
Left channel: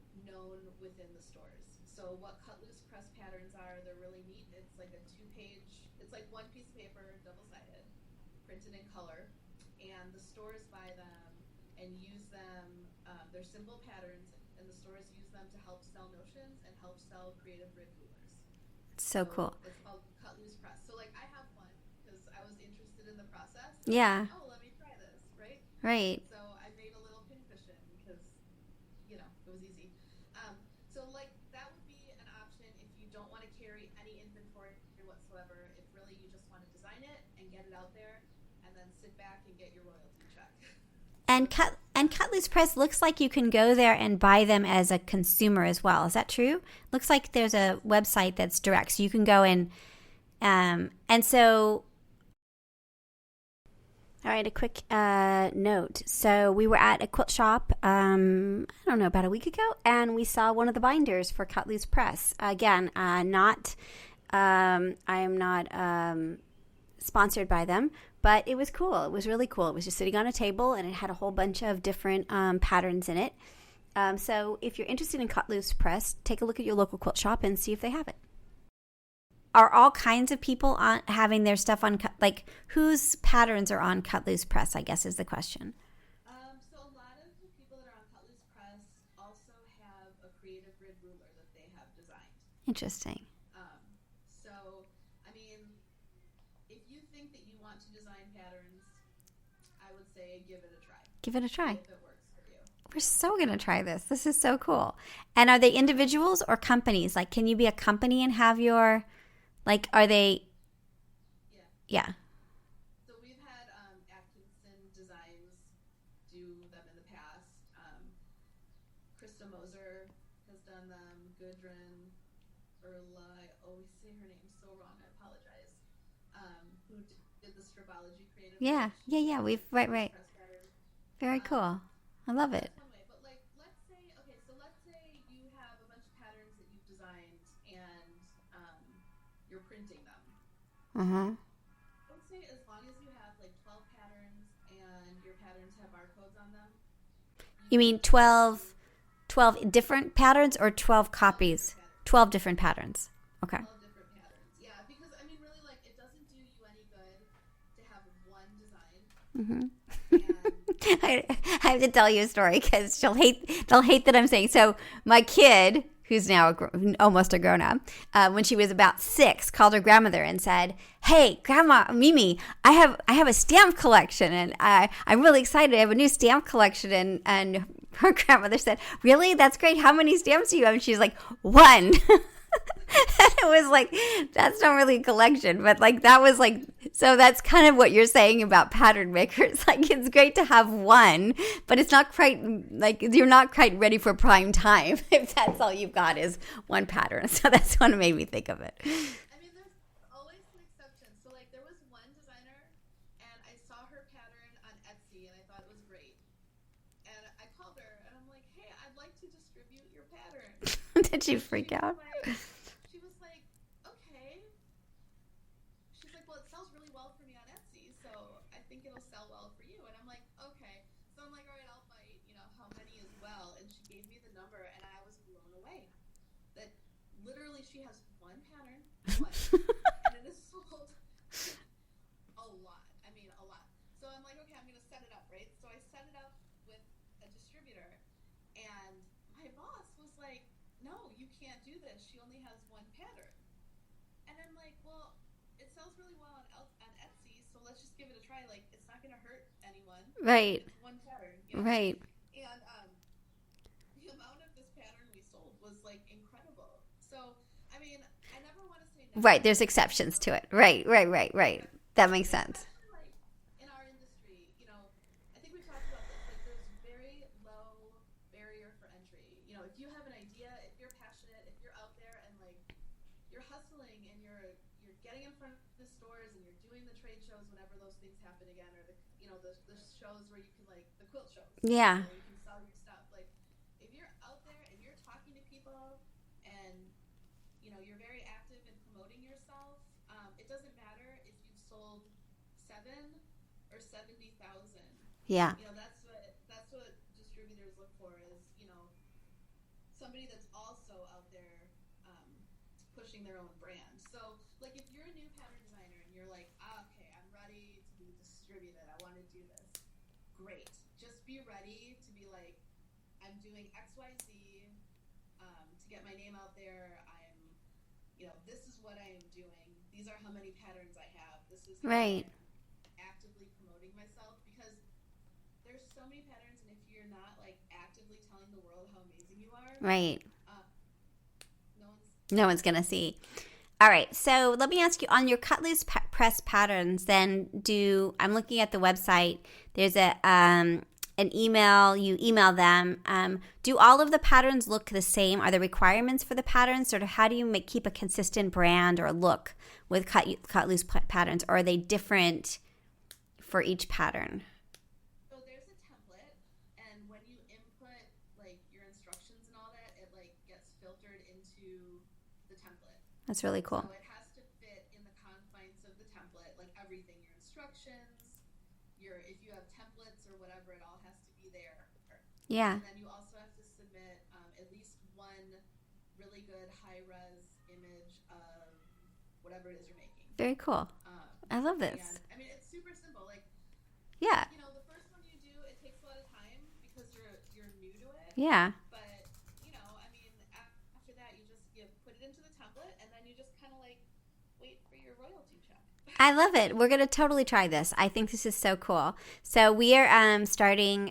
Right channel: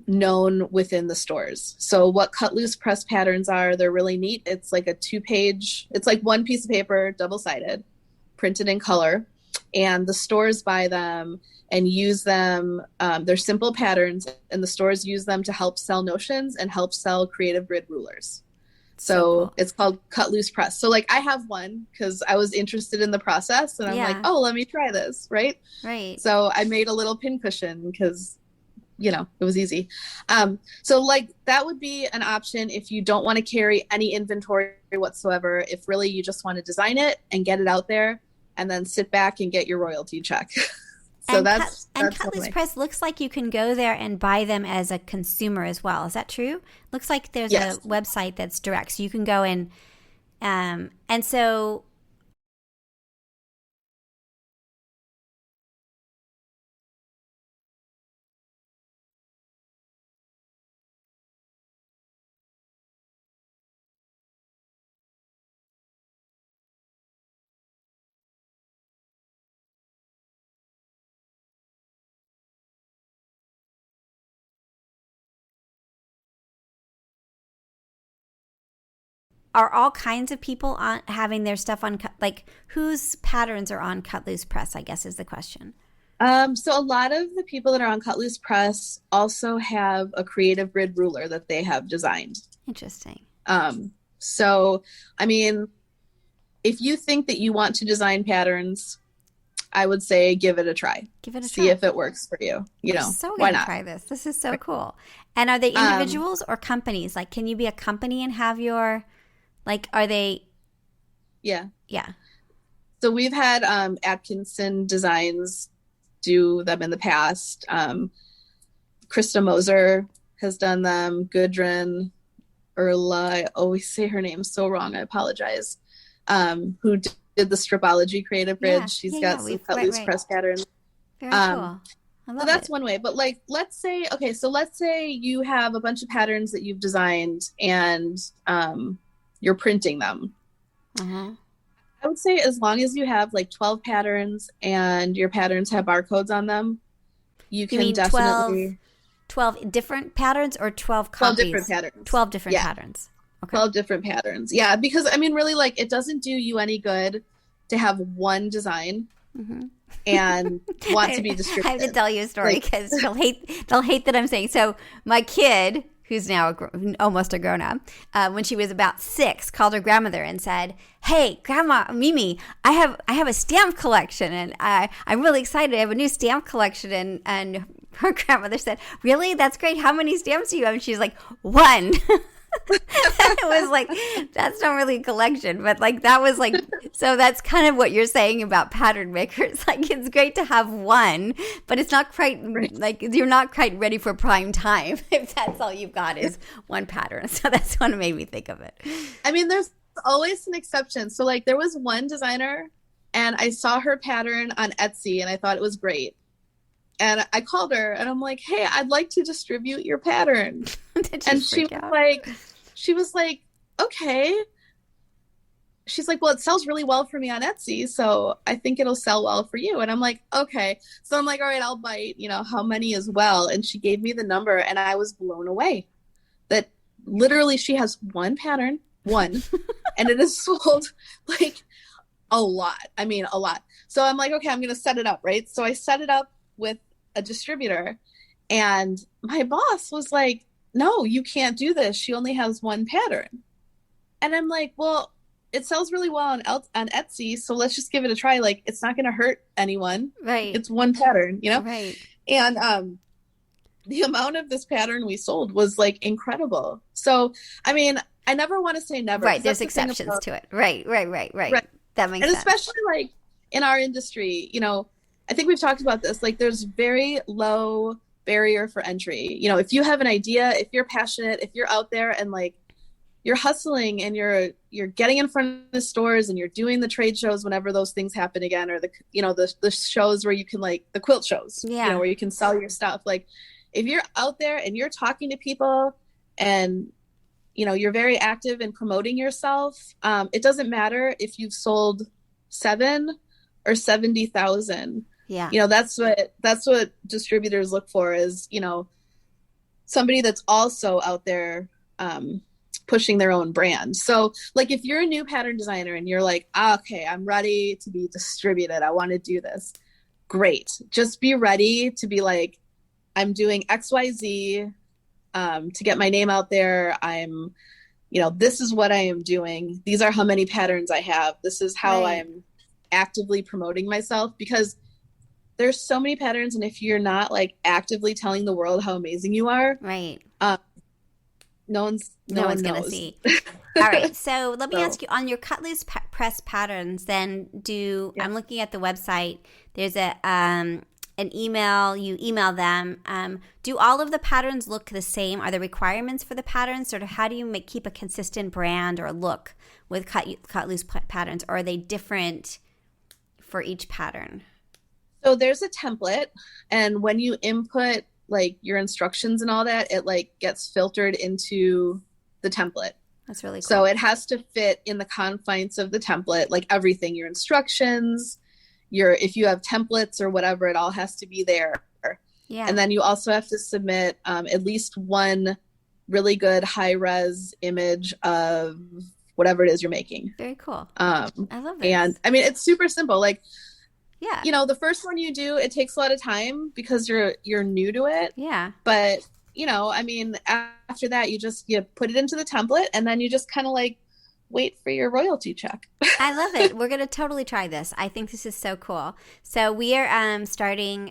known within the stores. So what Cut Loose Press patterns are, they're really neat. It's like it's like one piece of paper, double-sided, printed in color, and the stores buy them and use them. They're simple patterns, and the stores use them to help sell notions and help sell creative grid rulers. So cool. It's called Cut Loose Press. So like I have one because I was interested in the process, and I'm like, oh, let me try this, right? Right. So I made a little pin cushion because, it was easy. So like that would be an option if you don't want to carry any inventory whatsoever, if really you just want to design it and get it out there and then sit back and get your royalty check. So Cut Loose Press looks like you can go there and buy them as a consumer as well. Is that true? Looks like there's a website that's direct, so you can go and so. All right, a quick note. So we were at a quilt shop, I don't know, about a week ago, and we saw one of the binders for Cut Loose Press. Again, I am not sponsored by them, but it was cool. It was really cool. It was just sitting on a table, and it had a whole bunch of different patterns in it. So if you're interested in Cut Loose Press, take a look at your local quilt shop and see if they have it. Are all kinds of people having their stuff on, whose patterns are on Cut Loose Press, I guess is the question. So a lot of the people that are on Cut Loose Press also have a creative grid ruler that they have designed. Interesting. So, I mean, if you think that you want to design patterns, I would say give it a try. Give it a try. See if it works for you. I'm so going to try this. This is so cool. And are they individuals or companies? Like, can you be a company and have your, are they? Yeah. Yeah. So we've had Atkinson Designs do them in the past. Krista Moser has done them. Gudrun Erla, I always say her name so wrong. I apologize. Who did the Stripology Creative Grid. She's got some Cut Loose Press patterns. Very cool. I love that's one way. But let's say you have a bunch of patterns that you've designed and you're printing them. I would say as long as you have like 12 patterns and your patterns have barcodes on them, you mean definitely 12 different patterns or 12 copies? 12 different patterns. 12 different patterns. Okay. 12 different patterns. Yeah, because I mean, really, like, it doesn't do you any good to have one design and want to be distributed. I have to tell you a story because they'll hate that I'm saying. So my kid, who's now almost a grown-up, when she was about 6, called her grandmother and said, "Hey, Grandma Mimi, I have a stamp collection, and I'm really excited. I have a new stamp collection." And her grandmother said, "Really? That's great. How many stamps do you have?" And she's like, "1." It was like, that's not really a collection, but like that was like, so that's kind of what you're saying about pattern makers. Like, it's great to have one, but it's not quite like, you're not quite ready for prime time if that's all you've got is one pattern. So that's what made me think of it. I mean, there's always an exception. So like, there was one designer and I saw her pattern on Etsy and I thought it was great. And I called her and I'm like, "Hey, I'd like to distribute your pattern." Did you and freak out? She was like, "Okay." She's like, "Well, it sells really well for me on Etsy, so I think it'll sell well for you." And I'm like, "Okay." So I'm like, "All right, I'll bite, how many as well." And she gave me the number and I was blown away that literally she has one pattern, and it is sold like a lot. I mean, a lot. So I'm like, "Okay, I'm going to set it up," right? So I set it up with a distributor and my boss was like, "No, you can't do this. She only has one pattern." And I'm like, "Well, it sells really well on Etsy, so let's just give it a try. Like, it's not going to hurt anyone. Right. It's one pattern, Right. And the amount of this pattern we sold was like incredible. So, I mean, I never want to say never. Right. There's exceptions to it. Right. That makes sense. And especially like in our industry, I think we've talked about this, like there's very low barrier for entry. If you have an idea, if you're passionate, if you're out there and like you're hustling and you're getting in front of the stores and you're doing the trade shows whenever those things happen again, or the shows where you can, like the quilt shows, where you can sell your stuff. Like if you're out there and you're talking to people and you're very active in promoting yourself, it doesn't matter if you've sold 7 or 70,000. Yeah. That's what distributors look for is, somebody that's also out there pushing their own brand. So like if you're a new pattern designer and you're like, "Okay, I'm ready to be distributed. I want to do this." Great. Just be ready to be like, "I'm doing XYZ to get my name out there. I'm, this is what I am doing. These are how many patterns I have. This is how I'm actively promoting myself," because there's so many patterns, and if you're not like actively telling the world how amazing you are, right, no one's gonna see. All right, so let me ask you, on your cut loose press patterns, then I'm looking at the website. There's an email. You email them. Do all of the patterns look the same? Are there requirements for the patterns? Sort of, how do you keep a consistent brand or look with cut loose patterns? Or are they different for each pattern? So there's a template, and when you input like your instructions and all that, it like gets filtered into the template. That's really cool. So it has to fit in the confines of the template, like everything, your instructions, if you have templates or whatever, it all has to be there. Yeah. And then you also have to submit at least one really good high res image of whatever it is you're making. Very cool. I love it. And I mean, it's super simple. Like, yeah, the first one you do, it takes a lot of time because you're new to it. Yeah. But, I mean, after that, you put it into the template and then you just kind of like wait for your royalty check. I love it. We're going to totally try this. I think this is so cool. So we are starting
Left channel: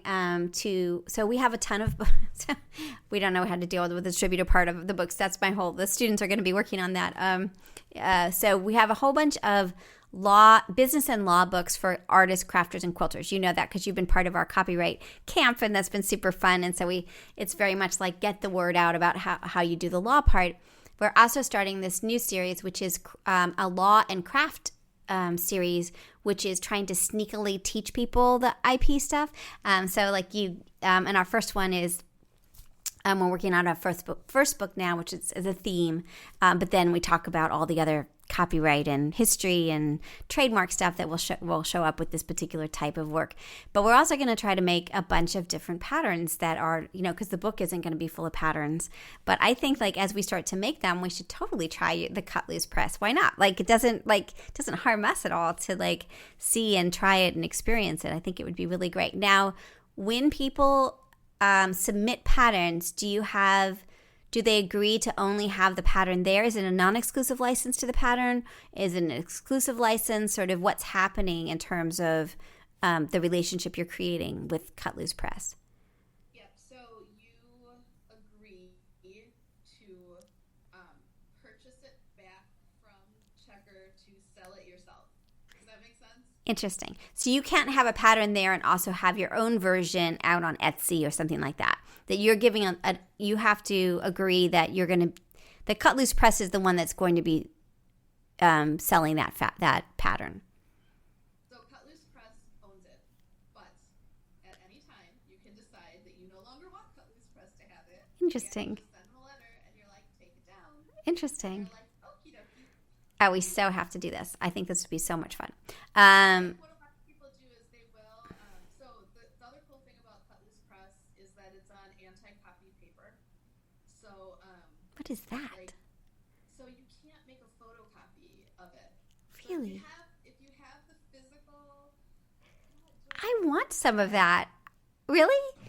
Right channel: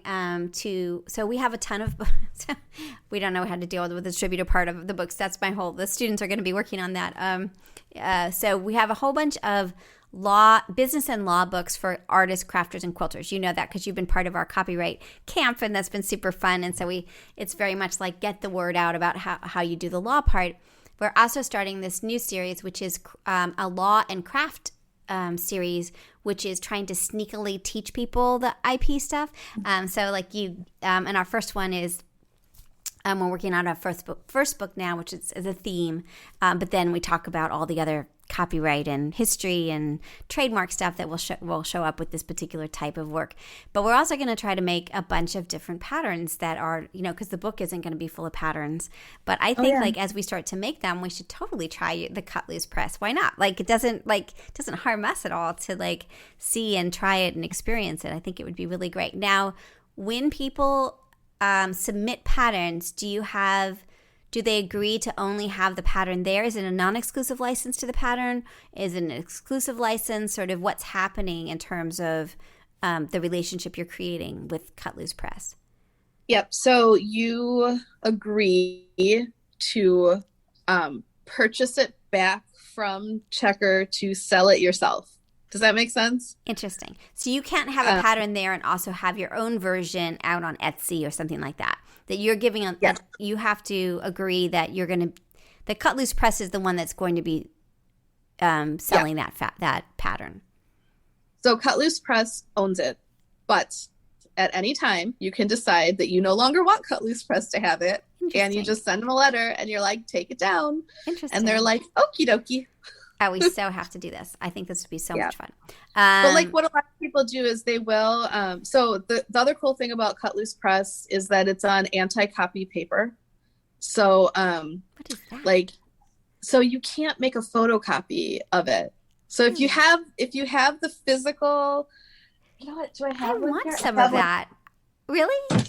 so we have a ton of books. We don't know how to deal with the distributor part of the books. That's the students are going to be working on that. So we have a whole bunch of business and law books for artists, crafters, and quilters. You know that because you've been part of our copyright camp, and that's been super fun. And so it's very much like get the word out about how you do the law part. We're also starting this new series, which is a law and craft series, which is trying to sneakily teach people the IP stuff. So like and our first one is We're working on our first book now, which is a theme. But then we talk about all the other copyright and history and trademark stuff that will show up with this particular type of work. But we're also going to try to make a bunch of different patterns that are, because the book isn't going to be full of patterns. But I think as we start to make them, we should totally try the cut loose press. Why not? It doesn't harm us at all to see and try it and experience it. I think it would be really great. Now, when people submit patterns, do they agree to only have the pattern there? Is it a non-exclusive license to the pattern? Is it an exclusive license? Sort of what's happening in terms of the relationship you're creating with Cut Loose Press? Yep. So you agree to purchase it back from Checker to sell it yourself. Does that make sense? Interesting. So you can't have a pattern there and also have your own version out on Etsy or something like that. That you're giving you have to agree that you're going to. The Cut Loose Press is the one that's going to be selling that pattern. So Cut Loose Press owns it, but at any time you can decide that you no longer want Cut Loose Press to have it, and you just send them a letter and you're like, take it down. Interesting. And they're like, okie dokie. Oh, we so have to do this. I think this would be so much fun. But what a lot of people do is they will. So the other cool thing about Cut Loose Press is that it's on anti-copy paper. So what is that? So you can't make a photocopy of it. So if you have the physical, what do I have? I want some of that. Really?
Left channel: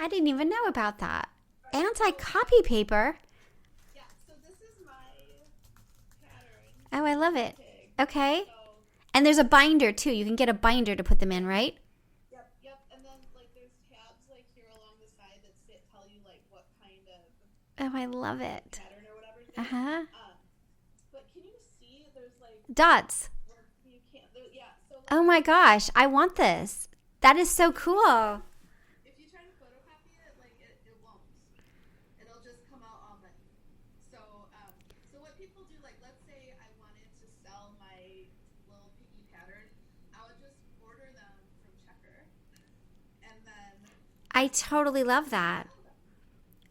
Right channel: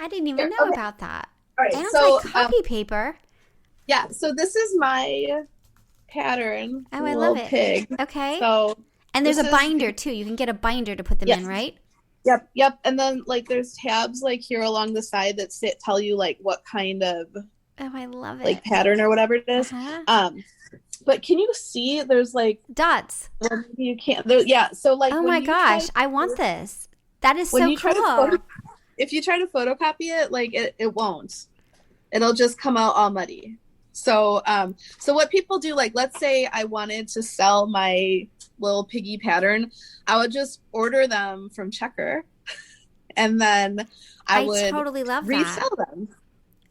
I didn't even know about that. All right, anti-copy paper. Yeah. So this is my pattern. Oh, I love it. Pig. Okay. So, and there's a binder too. You can get a binder to put them in, right? Yep. And then there's tabs here along the side that tell you what kind of I love it. Pattern or whatever it is. Uh-huh. But can you see there's dots? You can't. So oh my gosh, I want this. That is so cool. If you try to photocopy it, it won't. It'll just come out all muddy. So what people do, let's say I wanted to sell my little piggy pattern, I would just order them from Checker, and then I would totally love that. Resell them.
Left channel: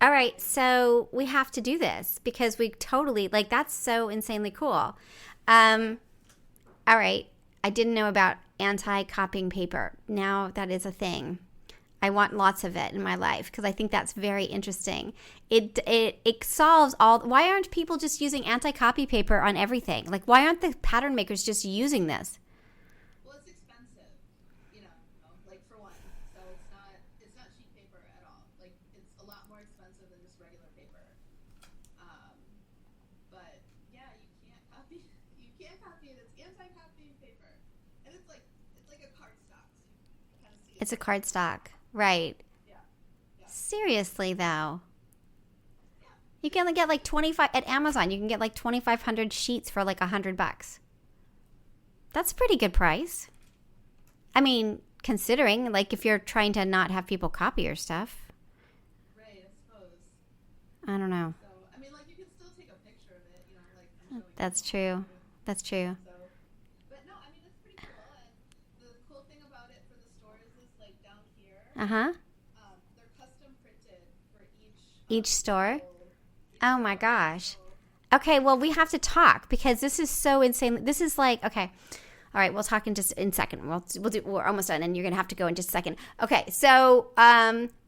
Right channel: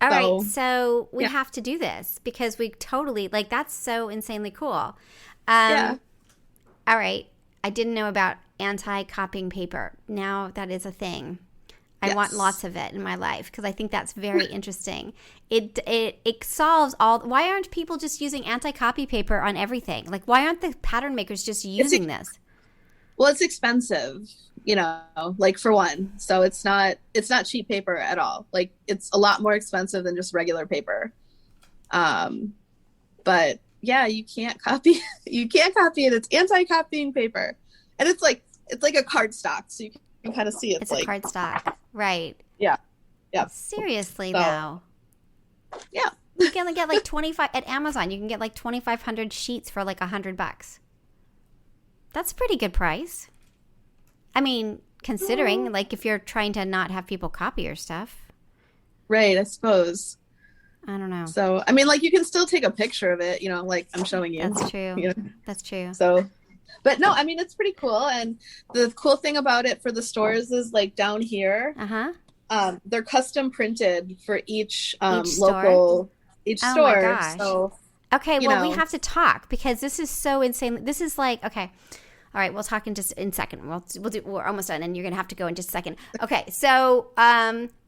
All right, so we have to do this because we totally that's so insanely cool. All right, I didn't know about anti-copying paper. Now that is a thing. I want lots of it in my life because I think that's very interesting. It solves all. Why aren't people just using anti-copy paper on everything? Why aren't the pattern makers just using this? Well, it's expensive, for one. So it's not cheap paper at all. It's a lot more expensive than just regular paper. But yeah, you can't copy. You can't copy it. It's anti-copying paper, and it's like a cardstock, so you can kind of see it's a cardstock. Right. Yeah. Seriously, though. Yeah. You can get 25 at Amazon. You can get 2,500 sheets for $100. That's a pretty good price. I mean, considering if you're trying to not have people copy your stuff. Right. I suppose. I don't know. So I mean, you can still take a picture of it. I'm showing you. That's true. That's true. So. But no, I mean, it's pretty cool. And the cool thing about it for the stores is down here, they're custom printed for each store. Each store. Oh my gosh. So, okay. Well, we have to talk because this is so insane. This is okay. All right. We'll talk in just in a second. We're almost done and you're going to have to go in just a second. Okay. So,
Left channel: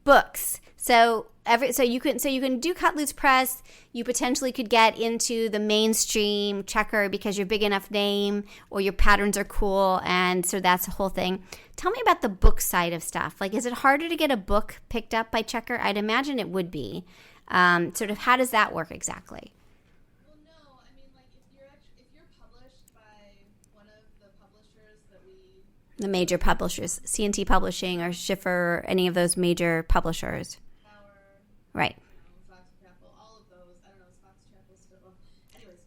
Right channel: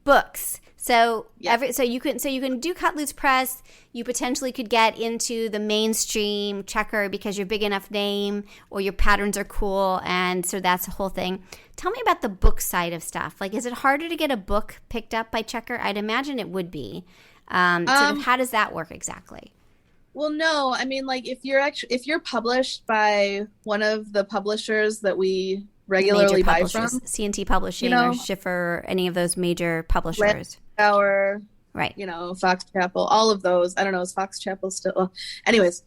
books. So you can do Cut Loose Press. You potentially could get into the mainstream Checker because you're a big enough name or your patterns are cool, and so that's the whole thing. Tell me about the book side of stuff. Is it harder to get a book picked up by Checker? I'd imagine it would be. Sort of how does that work exactly? Well, no, I mean, if you're published by one of the publishers that we regularly major buy publishers, from, C&T Publishing or Schiffer, any of those major publishers. Our, right. Fox Chapel, all of those. I don't know, is Fox Chapel still? Well, anyways,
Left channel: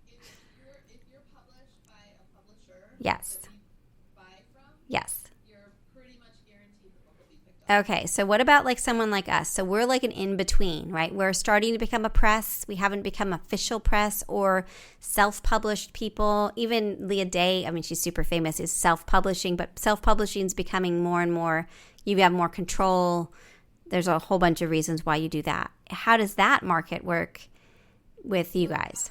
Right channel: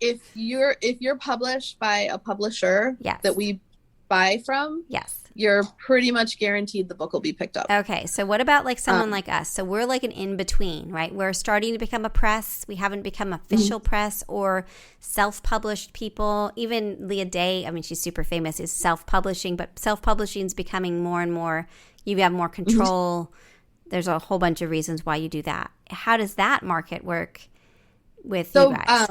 if you're published by a publisher that we buy from, you're pretty much guaranteed the book will be picked up. Okay, so what about someone like us? So we're an in-between, right? We're starting to become a press. We haven't become official press or self-published people. Even Leah Day, I mean, she's super famous, is self-publishing, but self-publishing is becoming more and more, you have more control. there's a whole bunch of reasons why you do that. How does that market work with you guys?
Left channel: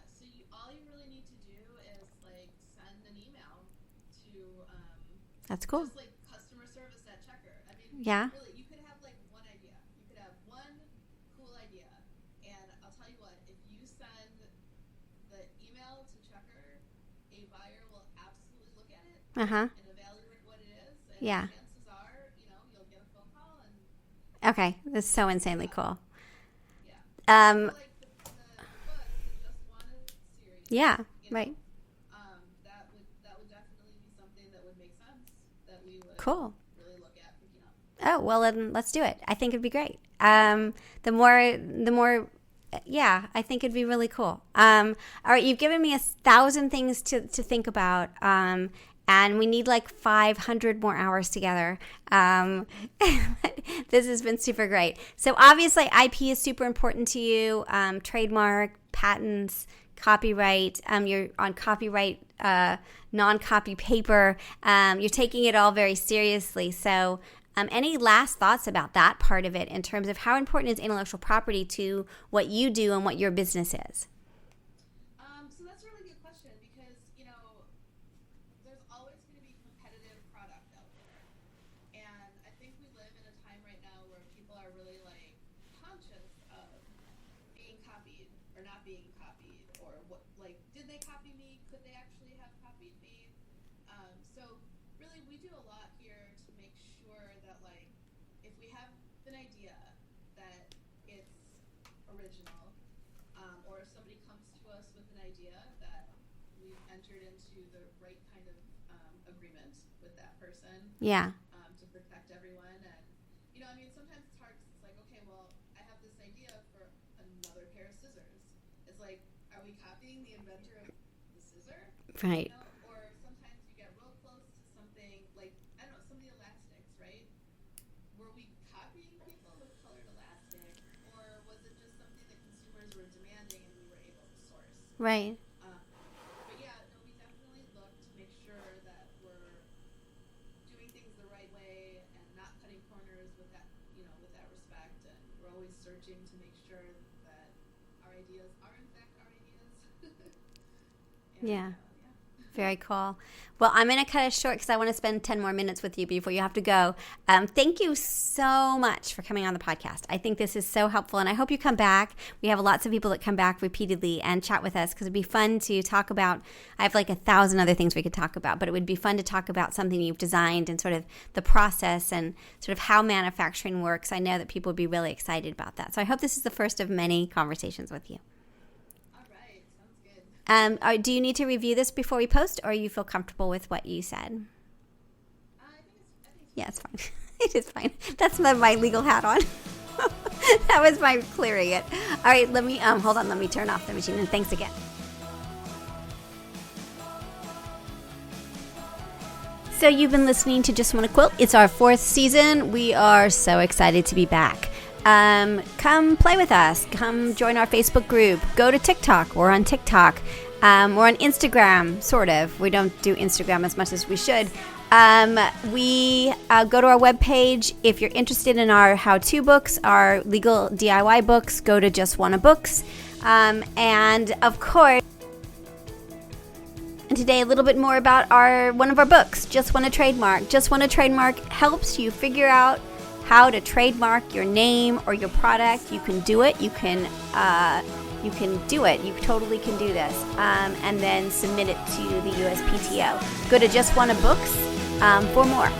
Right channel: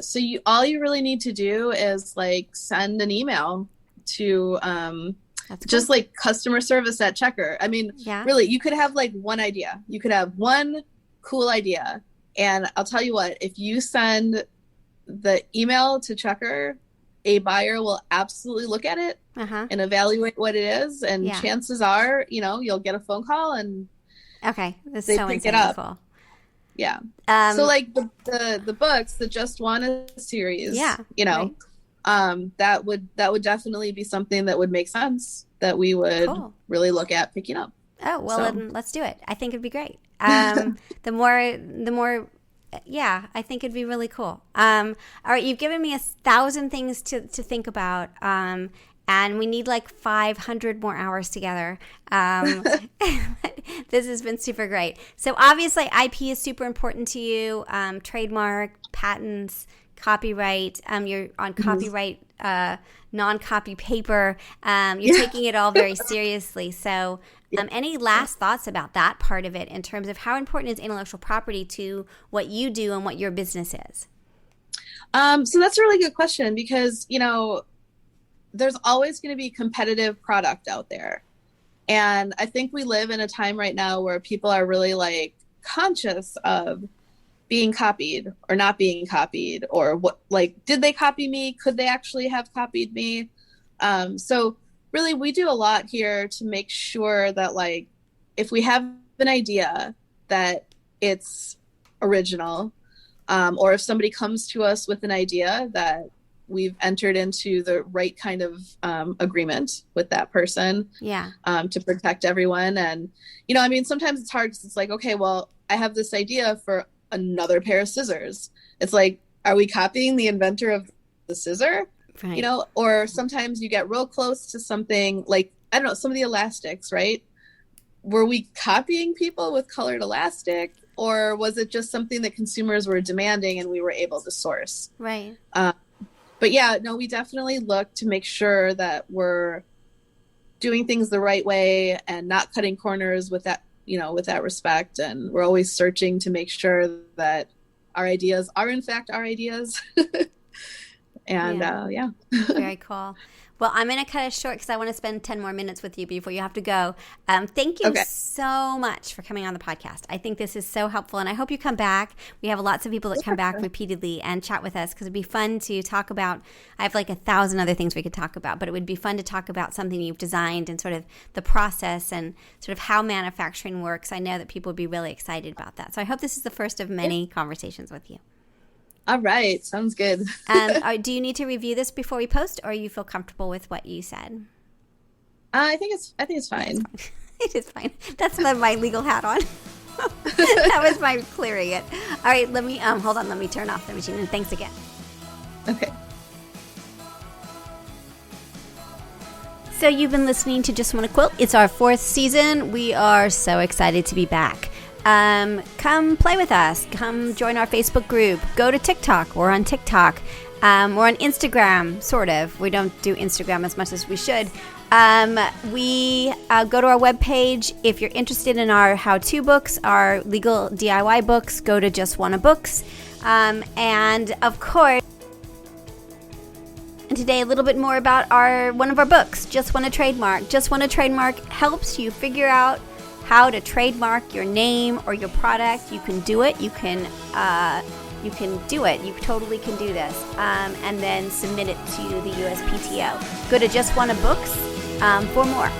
So all you really need to do is like send an email to That's just cool. like customer service at Checker. I mean, really, you could have like one idea. You could have one cool idea. And I'll tell you what, if you send the email to Checker, a buyer will absolutely look at it and evaluate what it is. And chances are, you'll get a phone call and that's so insanely cool. Yeah. So like the books, the Just Wanna series, right. That would definitely be something that would make sense that we would really look at picking up. Oh, well, then let's do it. I think it'd be great. The more, I think it'd be really cool. All right, you've given me 1,000 things to think about, and we need like 500 more hours together. This has been super great. So obviously, IP is super important to you. Trademark, patents, copyright. You're on copyright, non-copy paper. You're taking it all very seriously. So any last thoughts about that part of it in terms of how important is intellectual property to what you do and what your business is? So that's a really good question because, there's always going to be competitive product out there. And I think we live in a time right now where people are really like conscious of being copied or not being copied, or what, like, did they copy me? Could they actually have copied me? So really we do a lot here to make sure that like, if we have an idea that it's original, or if somebody comes to us with an idea that we've entered into the right kind of agreement with that person to protect everyone. And, sometimes it's hard because it's like, okay, well, I have this idea for another pair of scissors. It's like, are we copying the inventor of the scissor? Right. Or sometimes you get real close to something like, I don't know, some of the elastics, right? Were we copying people with colored elastic, or was it just something that consumers were demanding and we were able to source? Right. But we definitely look to make sure that we're doing things the right way and not cutting corners with that, with that respect. And we're always searching to make sure that our ideas are in fact our ideas. And Very cool. Well, I'm going to cut it short because I want to spend 10 more minutes with you before you have to go. Thank you so much for coming on the podcast. I think this is so helpful, and I hope you come back. We have lots of people that come back repeatedly and chat with us because it'd be fun to talk about. I have like 1,000 other things we could talk about, but it would be fun to talk about something you've designed and sort of the process and sort of how manufacturing works. I know that people would be really excited about that. So I hope this is the first of many conversations with you. All right. Sounds good. Do you need to review this before we post, or you feel comfortable with what you said? I think it's fine. Yeah, it's fine. It is fine. That's my legal hat on. That was my clearing it. All right. Let me hold on. Let me turn off the machine. And thanks again. Okay. So you've been listening to Just Wanna Quilt. It's our 4th season. We are so excited to be back. Come play with us. Come join our Facebook group. Go to TikTok. We're on TikTok. We're on Instagram, sort of. We don't do Instagram as much as we should. We go to our webpage. If you're interested in our how-to books, our legal DIY books, go to Just Wanna Books. And of course, and today a little bit more about one of our books, Just Wanna Trademark. Just Wanna Trademark helps you figure out how to trademark your name or your product. You can do it. You can do it. You totally can do this. And then submit it to the USPTO. Go to Just Wanna Books for more.